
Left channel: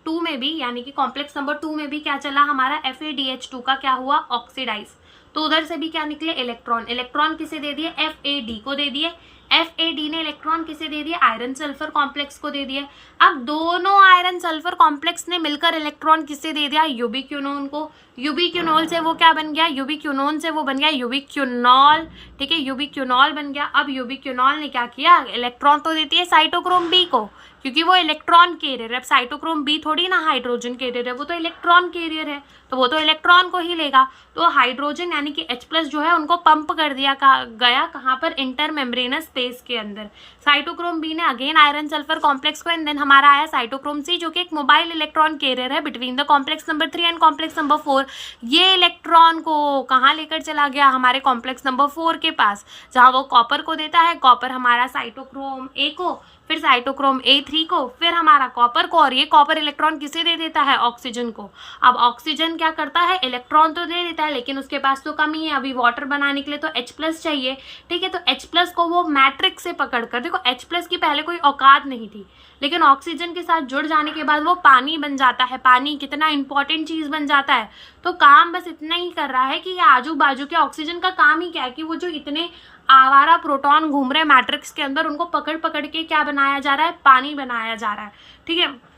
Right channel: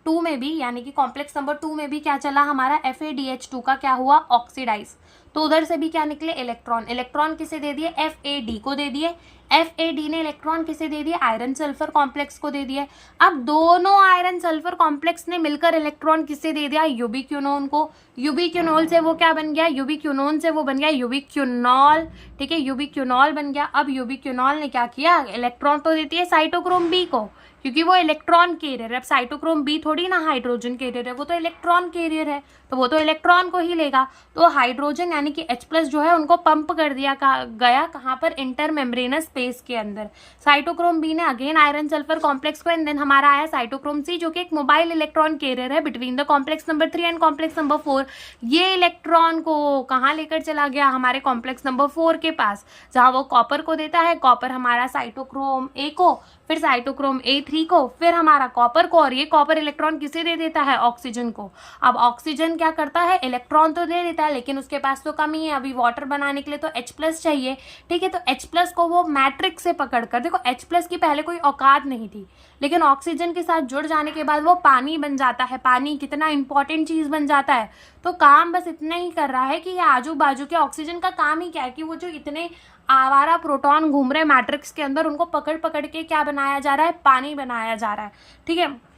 2 में भी यानी कि कॉम्प्लेक्स नंबर 2 में भी क्या चला, हमारा FADH2 का क्या हुआ, ऑक्सीडाइज। तो उधर से भी क्या निकले, इलेक्ट्रॉन। इलेक्ट्रॉन किसे दे दिए, FAD को दे दिए। FAD ने इलेक्ट्रॉन किसे दे दिए, आयरन सल्फर कॉम्प्लेक्स को दे दिया। अब दोनों आयरन सल्फर कॉम्प्लेक्स ने मिलकर इलेक्ट्रॉन किसे दे दिया, यूबिक्विनोन को। यूबिक्विनोल से वो क्या बन गया, यूबिक्विनोन से वो बन गया यूबिक्विनॉल, ठीक है, यूबिक्विनॉल बन गया। अब यूबिक्विनॉल ने क्या किया, इलेक्ट्रॉन तो देती है साइटोक्रोम बी को, क्योंकि वो इलेक्ट्रॉन कैरियर है। अब साइटोक्रोम बी थोड़ी ना हाइड्रोजन कैरियर है, वो तो इलेक्ट्रॉन कैरियर है, तो वो तो इलेक्ट्रॉन को ही लेगा। तो हाइड्रोजन यानी कि H+ जो है उनको पंप कर दिया गया कहाँ पर, इंटर मेम्ब्रेनस स्पेस के अंदर। साइटोक्रोम बी ने अगेन आयरन सल्फर कॉम्प्लेक्स को, एंड देन हमारा आया साइटोक्रोम सी, जो कि एक मोबाइल इलेक्ट्रॉन कैरियर है between the complex number 3 and complex number 4। ये इलेक्ट्रॉन को कहाँ लेकर चला गया, हमारे कॉम्प्लेक्स नंबर 4 के पास, जहाँ वो कॉपर को देता है। कॉपर हमारा साइटोक्रोम ए को, फिर साइटोक्रोम A3 को, फिर हमारा कॉपर को, और ये कॉपर इलेक्ट्रॉन किसे दे देता है, ऑक्सीजन को। अब ऑक्सीजन क्या करता है, इलेक्ट्रॉन तो दे देता है, लेकिन उसके पास तो कमी है, अभी वाटर बनाने के लिए तो H+ चाहिए, ठीक है। तो H+ को वो मैट्रिक्स से पकड़कर, देखो H+ की पहले कोई औकात नहीं थी, लेकिन ऑक्सीजन के साथ जुड़ जाने के बाद वो पानी बन जाता है। पानी कितना इंपॉर्टेंट चीज बन जाता है। तो काम बस इतना ही कर रहा है कि ये आजू बाजू के, ऑक्सीजन का काम ही क्या है कि वो जो इतने आवारा प्रोटॉन घूम रहे मैट्रिक्स के अंदर, उनको पकड़ पकड़ के क्या बनाया जा रहा है, पानी बनाया जा रहा है, ठीक है।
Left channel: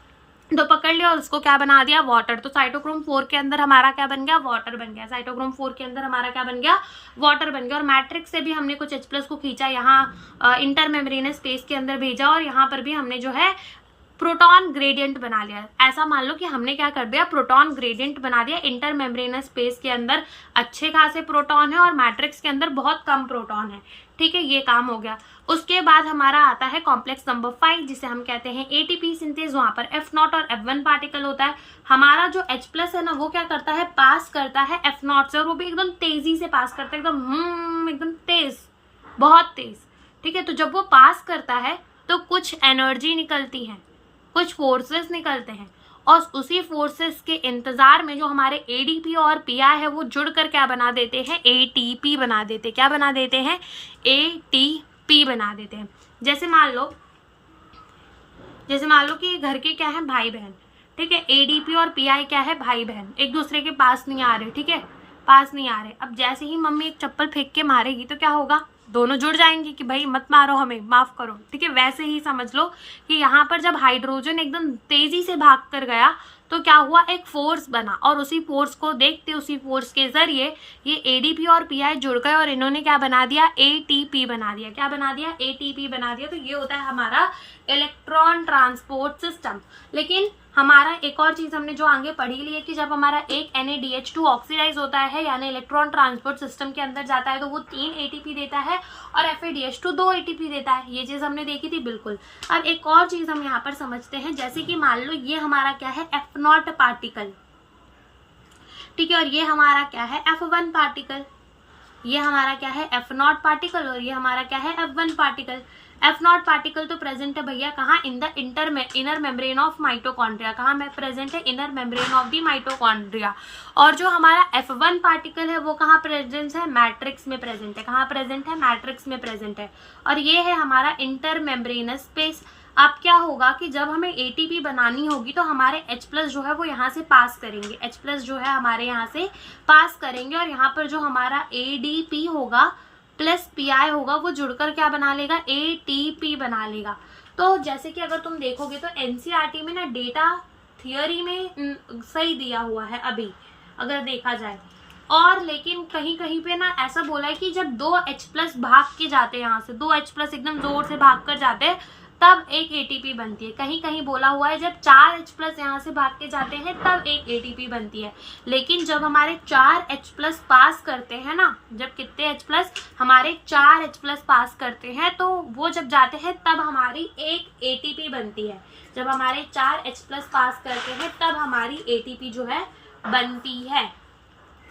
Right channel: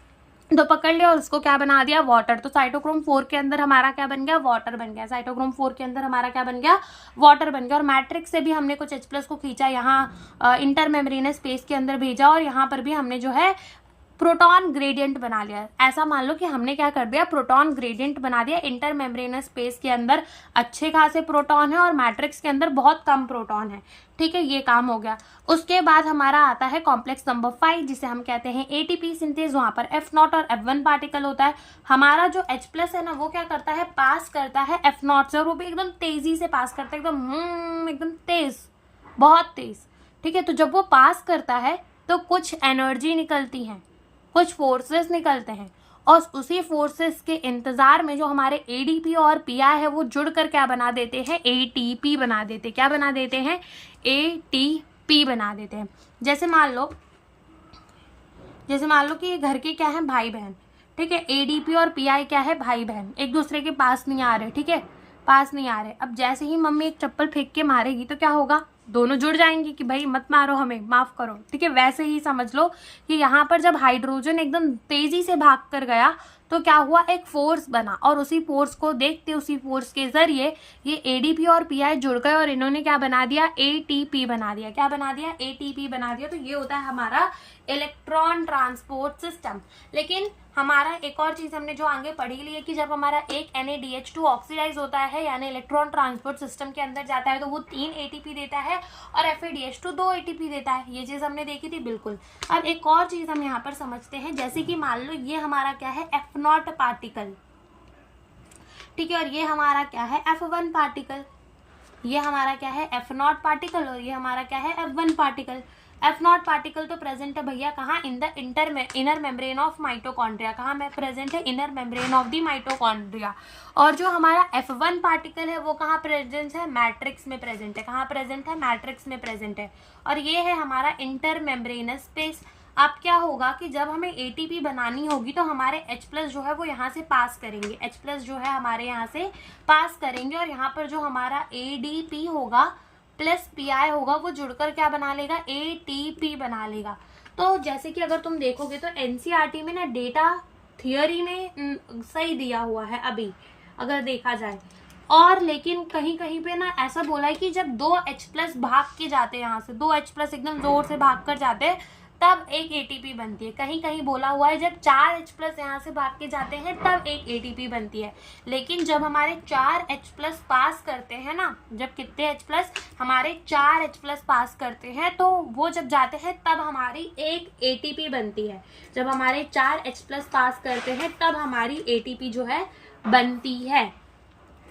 तो पकड़ लिया और उसको क्या बना दिया, वाटर। तो साइटोक्रोम 4 के अंदर हमारा क्या बन गया, वाटर बन गया। साइटोक्रोम 4 के अंदर हमारा क्या बन गया, वाटर बन गया। और मैट्रिक्स से भी हमने कुछ H+ को खींचा, यहाँ इंटर मेम्ब्रेनस स्पेस के अंदर भेजा, और यहाँ पर भी हमने जो है प्रोटॉन ग्रेडियंट बना लिया। ऐसा मान लो कि हमने क्या कर दिया, प्रोटॉन ग्रेडियंट बना दिया। इंटर मेम्ब्रेनस स्पेस के अंदर अच्छे खासे प्रोटॉन है और मैट्रिक्स के अंदर बहुत कम प्रोटॉन है, ठीक है, ये काम हो गया। उसके बाद हमारा आता है कॉम्प्लेक्स नंबर 5, जिसे हम कहते हैं ATP सिंथेज। वहां पर F0 और F1 पार्टिकल होता है। हमारा जो H+ है ना, वो क्या करता है, पास करता है F0 से, और वो भी एकदम तेजी से पास करता है, एकदम तेज, बहुत तेज, ठीक है। तो जब वो पास करता है तो कुछ एनर्जी निकलती है, कुछ फोर्सेस निकलते हैं, और उसी फोर्सेस के इंतजार में जो हमारे ADP और PI है वो जुड़कर क्या बना देते हैं, ATP बना देते। क्या बना देते हैं, ATP बना देते हैं। जैसे मान लो कि ये घर के क्या है, भाई बहन, ठीक है। ADP और PI क्या है, भाई बहन, एक दूसरे के पास नहीं आ रहे, ठीक है, पास नहीं आ रहे। अब जैसे ही मम्मी एक चप्पल फेंक के मारेगी तो क्या होगा, दोनों जुड़ जाएंगे कि भाई मत मारो हमें, माफ करो, ठीक है। वैसे ही समझ लो कि यहाँ पर जब हाइड्रोजन एकदम तेजी से भाग कर गया तो क्या हुआ, एक फोर्स बना, और उसी फोर्स को देखते, उसी फोर्स के जरिए ये ADP और PI जुड़ गए और इन्होंने क्या बना दिया, ATP बना दिया। क्या बना दिया, ATP बना दिया। तो ये होता है हमारा इलेक्ट्रॉन ट्रांसपोर्ट सिस्टम। लेकिन हमारा एक और चीज हमने जो आगे पढ़ी ली है कि जब हमारा एक NaDH2 ऑक्सीडाइज होता है, यानी इलेक्ट्रॉन ट्रांसपोर्ट सिस्टम के अंदर जाता है, तो वो 3 ATP देता है, और FADH2 2 ATP देता है। ये चीज हमने देखी थी, बिल्कुल। अब एक और चीज हम यहाँ पर समझते हैं, जैसे कि मान लो ये हमारा क्या है, F0 पार्टिकल, ठीक है, और ये हमारा क्या है, F1 पार्टिकल। ये हमारा क्या है, F0 पार्टिकल, और ये हमारा क्या है, F1 पार्टिकल। F0 पार्टिकल तो प्रेजेंट है भैया कहाँ, in the inner membrane of mitochondria. कहाँ में प्रेजेंट है, inner membrane of the mitochondria. और जो हमारा F1 पार्टिकल है वो कहाँ प्रेजेंट है, मैट्रिक्स में प्रेजेंट है। कहाँ प्रेजेंट है, मैट्रिक्स में प्रेजेंट है। और ये है हमारा इंटर मेम्ब्रेनस स्पेस। अब क्या होगा कि जब हमें ATP बनानी होगी तो हमारे H+ जो है वो यहाँ से पास करेंगे, H+ जो है हमारे यहाँ से पास करेंगे, और यहाँ पर जो हमारा ADP होगा प्लस PI होगा वो जुड़कर क्या बना लेगा, ATP बना लेगा। तो जैसे कि अगर तुम देखोगे तो NCERT में ना डेटा थियोरी में सही दिया हुआ है अभी अगर देखा जाए, और लेकिन कहीं कहीं पे ना ऐसा बोला है कि जब 2 H+ भाग के जाते हैं, यहाँ से 2 H+ एकदम जोर से भाग कर जाते हैं तब एक ATP बनती है। कहीं कहीं बोला हुआ है जब 4 H+ यहाँ से भाग के जाते हैं तब एक ATP बनती है। लेकिन जब हमारे 4 H+ पास करते हैं ना, जब कितने H+ हमारे 4 H+ पास करते हैं तो वो जब जाते हैं तब हमारी एक ATP बनती है। जब हमारे 4 H+ पास करते हैं तब हमारी ATP जो है बनती है।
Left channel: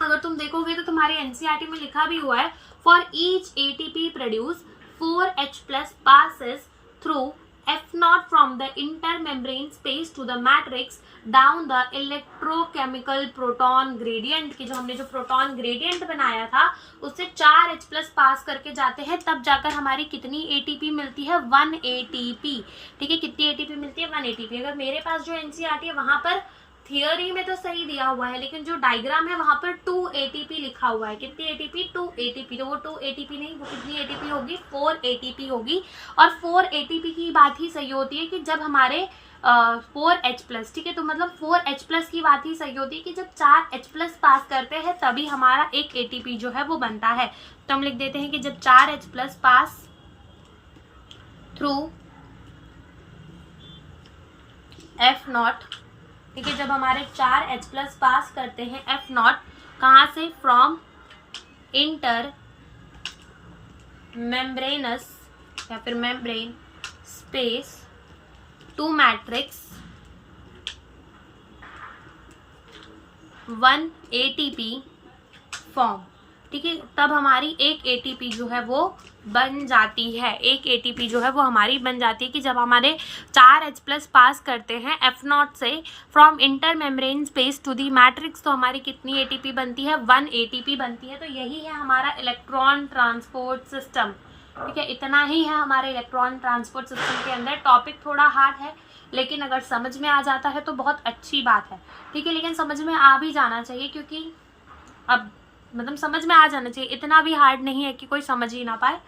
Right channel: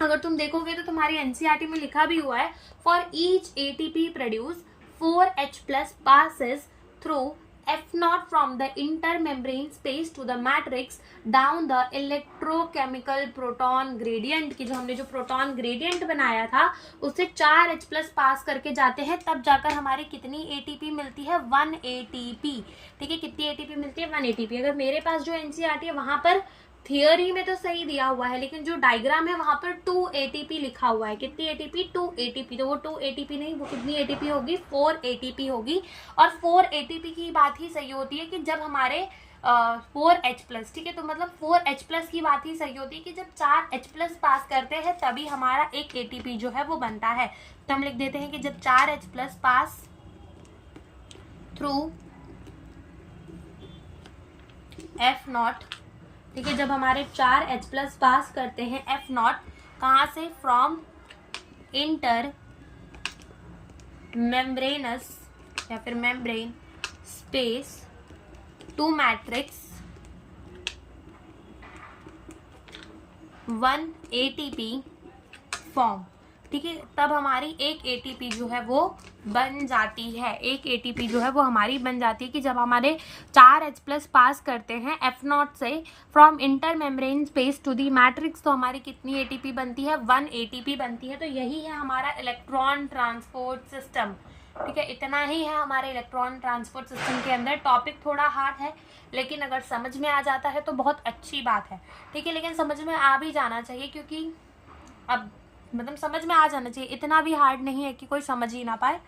अगर तुम देखोगे तो तुम्हारी NCERT में लिखा भी हुआ है, for each ATP produce 4 H+ passes through F0 from the intermembrane space to the matrix down the electrochemical proton gradient की जो हमने जो प्रोटॉन ग्रेडियंट बनाया था उससे 4 H+ पास करके जाते हैं, तब जाकर हमारी कितनी ATP मिलती है, 1 ATP। ठीक है, कितनी ATP मिलती है, 1 ATP। अगर मेरे पास जो NCERT है वहां पर थियोरी में तो सही दिया हुआ है, लेकिन जो डायग्राम है वहां पर 2 ATP लिखा हुआ है। कितनी ATP? 2 ATP। तो वो 2 ATP नहीं, वो कितनी ATP होगी? 4 ATP होगी। और 4 ATP की बात ही सही होती है कि जब हमारे 4H+, ठीक है, तो मतलब 4H+ की बात ही सही होती है कि जब 4H+ पास करते हैं तभी हमारा एक ATP जो है वो बनता है। तो हम लिख देते हैं कि जब 4H+ पास थ्रू F0, ठीक है, जब हमारे 4H+ पास करते हैं F0, कहाँ से? फ्रॉम इंटर मेम्ब्रेनस या फिर membrane space to matrix 1 ATP form, ठीक है, तब हमारी एक ATP जो है वो बन जाती है। एक ATP जो है वो हमारी बन जाती है कि जब हमारे 4H+ पास करते हैं F0 से from inter membrane space to the matrix, तो हमारी कितनी ATP बनती है? 1 ATP बनती है। तो यही है हमारा इलेक्ट्रॉन ट्रांसपोर्ट सिस्टम, ठीक है, इतना ही है हमारे इलेक्ट्रॉन ट्रांसपोर्ट सिस्टम के अंदर। टॉपिक थोड़ा हार्ड है, लेकिन अगर समझ में आ जाता है तो बहुत अच्छी बात है, ठीक है, लेकिन समझ में आ भी जाना चाहिए, क्योंकि अब मतलब समझ में आ जाना चाहिए, इतना भी हार्ड नहीं है कि कोई समझ ही ना पाए।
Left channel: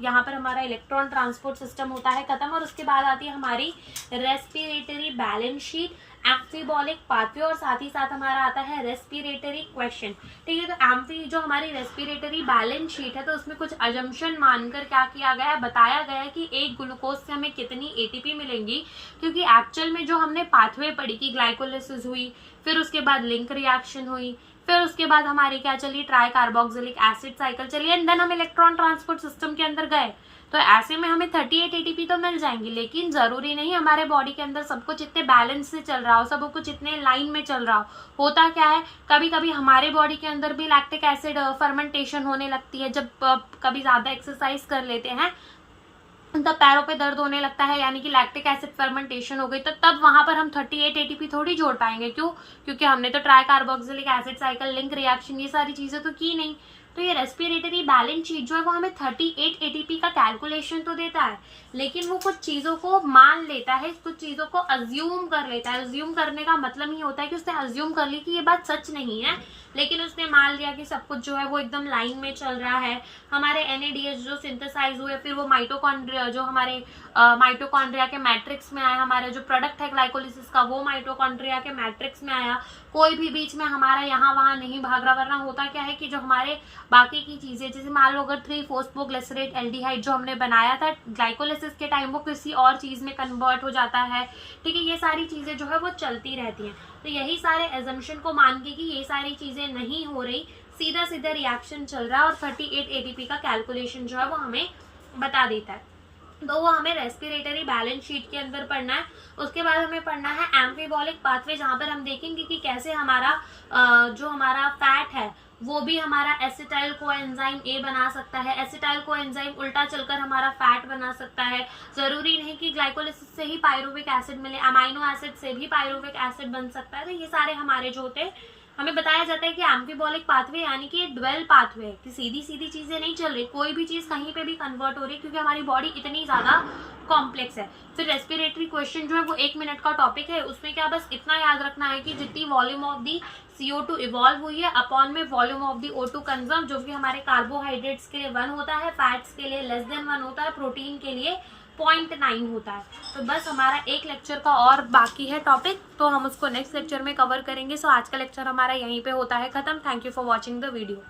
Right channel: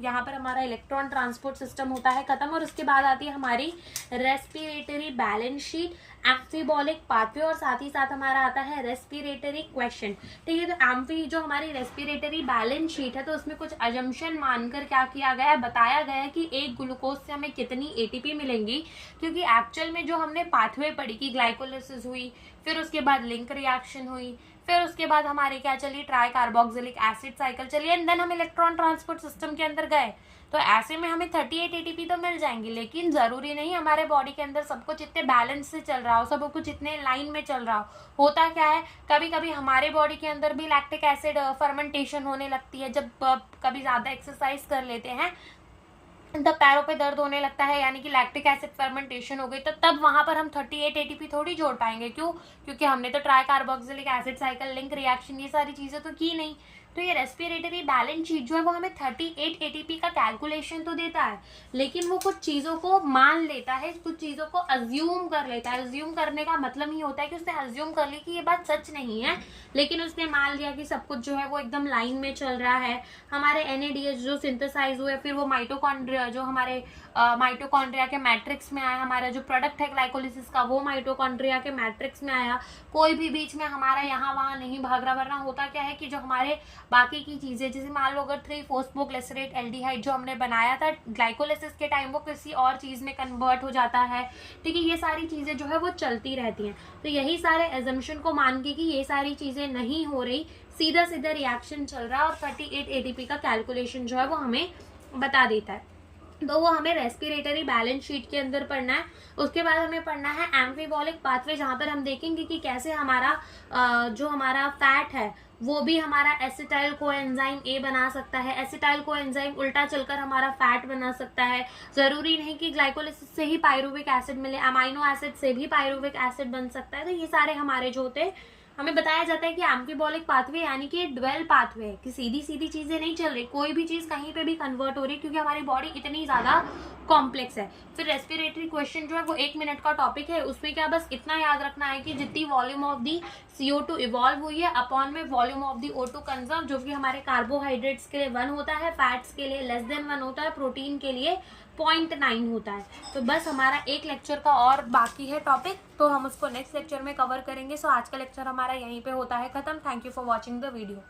यहाँ पर हमारा इलेक्ट्रॉन ट्रांसपोर्ट सिस्टम होता है खत्म। और उसके बाद आती है हमारी respiratory balance sheet, amphibolic pathway, और साथ ही साथ हमारा आता है रेस्पिरेटरी क्वेश्चन, ठीक है। तो एम्फी जो हमारी रेस्पिरेटरी बैलेंस शीट है, तो उसमें कुछ अजम्पशन मानकर क्या किया गया है? बताया गया है कि एक ग्लूकोज से हमें कितनी ATP मिलेंगी, क्योंकि एक्चुअल में जो हमने पाथवे पढ़ी कि ग्लाइकोलिसिस हुई, फिर उसके बाद लिंक रिएक्शन हुई, फिर उसके बाद हमारी क्या चली? ट्राई कार्बोक्सिलिक एसिड साइकिल चली, एंड देन हम इलेक्ट्रॉन ट्रांसपोर्ट सिस्टम के अंदर गए। तो ऐसे में हमें 38 ATP तो मिल जाएंगी, लेकिन जरूरी नहीं हमारे बॉडी के अंदर सब कुछ इतने बैलेंस से चल रहा हो, सब कुछ इतने लाइन में चल रहा हो। होता क्या है, कभी कभी हमारे बॉडी के अंदर भी लैक्टिक एसिड फर्मेंटेशन होने लगती है। जब कभी ज्यादा एक्सरसाइज कर लेते हैं तब पैरों पे दर्द होने लगता है, यानी कि लैक्टिक एसिड फर्मेंटेशन हो गई, तो तब वहां पर हम 38 ATP थोड़ी जोड़ पाएंगे। क्यों? क्योंकि हमने तो try carboxylic acid cycle, link reaction, ये सारी चीजें तो की नहीं। तो ये रेस्पिरेटरी बैलेंस शीट जो है वो हमें 38 ATP का कैलकुलेशन तो देता है, लेकिन वो कुछ चीजों को मान लेता है, कुछ चीजों को अज्यूम कर लेता है। अज्यूम करने का मतलब ही होता है कि उसने अज्यूम कर ली कि ये बात सच नहीं है, लेकिन उसने मान लिया कि सब कुछ जो है वो एकदम लाइन में चल रहा है। हमारे NADH जो सिंथेसाइज हुए, फिर वो माइटोकॉन्ड्रिया जो हमारे माइटोकॉन्ड्रिया के मैट्रिक्स में आया, हमारा जो प्रोडक्ट है ग्लाइकोलिसिस का वो माइटोकॉन्ड्रिया के मैट्रिक्स में आया। कोई भी बीच में हमारा यहाँ वहां नहीं भाग रहा। वरना होता क्या है कि जो हमारे बाकी की चीजें, जैसे मान लो अगर 3-फॉस्फोग्लिसरेट एल्डिहाइड जो हमने बनाया था ग्लाइकोलिसिस के टाइम, वो किसी और चीज में कन्वर्ट हो जाता है, ठीक है, ये सारी चीजें जो है वो चलती रहती हैं। तो यही सारे एजम्पशन को मान के कि ये सारी चीजें नहीं हो रही, सीधा सीधा रिएक्शन चल रहा है, और 38 ATP का कैलकुलेशन जो है वो हमें बता देता है। तो वो हमें रेस्पिरेटरी बैलेंस शीट के अंदर पढ़ना है। उसके बाद हमें पढ़ना है एम्फीबॉलिक पाथवे, जहां पर हम देखेंगे कि कैसे हमारा जो हमारा फैट है वो भी हमारा एसिटाइल कोएंजाइम A बना सकता है। एसिटाइल कोएंजाइम उल्टा चलकर हमारा फैट बना सकता है। जरूरी नहीं कि ग्लाइकोलिसिस से ही पायरुविक एसिड मिले, अमाइनो एसिड से भी पायरुविक एसिड बन सकता है। तो ये सारे हमारे जो होते हैं, हमें बताया जाता है कि एम्फीबॉलिक पाथवे यानी कि ड्वेल पाथवे है, कि सीधी सीधी चीजें नहीं चल रही, कोई भी चीज कहीं पे भी कन्वर्ट हो रही है, क्योंकि हमारी बॉडी इतनी ज्यादा कॉम्प्लेक्स है। फिर रेस्पिरेटरी क्वेश्चन जो है वो 1 मिनट का टॉपिक है। उसमें क्या बस इतना याद रखना है कि जितनी volume of the CO2 evolve हुई है अपॉन में volume of the O2 conserve, जो कि हमारे कार्बोहाइड्रेट्स के लिए 1 होता है, फैट्स के लिए लेस देन 1 होता है, प्रोटीन के लिए 0.9 होता है। तो बस हमारा एक लेक्चर का और बाकी है टॉपिक, तो हम उसको नेक्स्ट लेक्चर में कवर करेंगे। सो आज का लेक्चर हमारा यहीं पे होता है खत्म। Thank you for watching the video.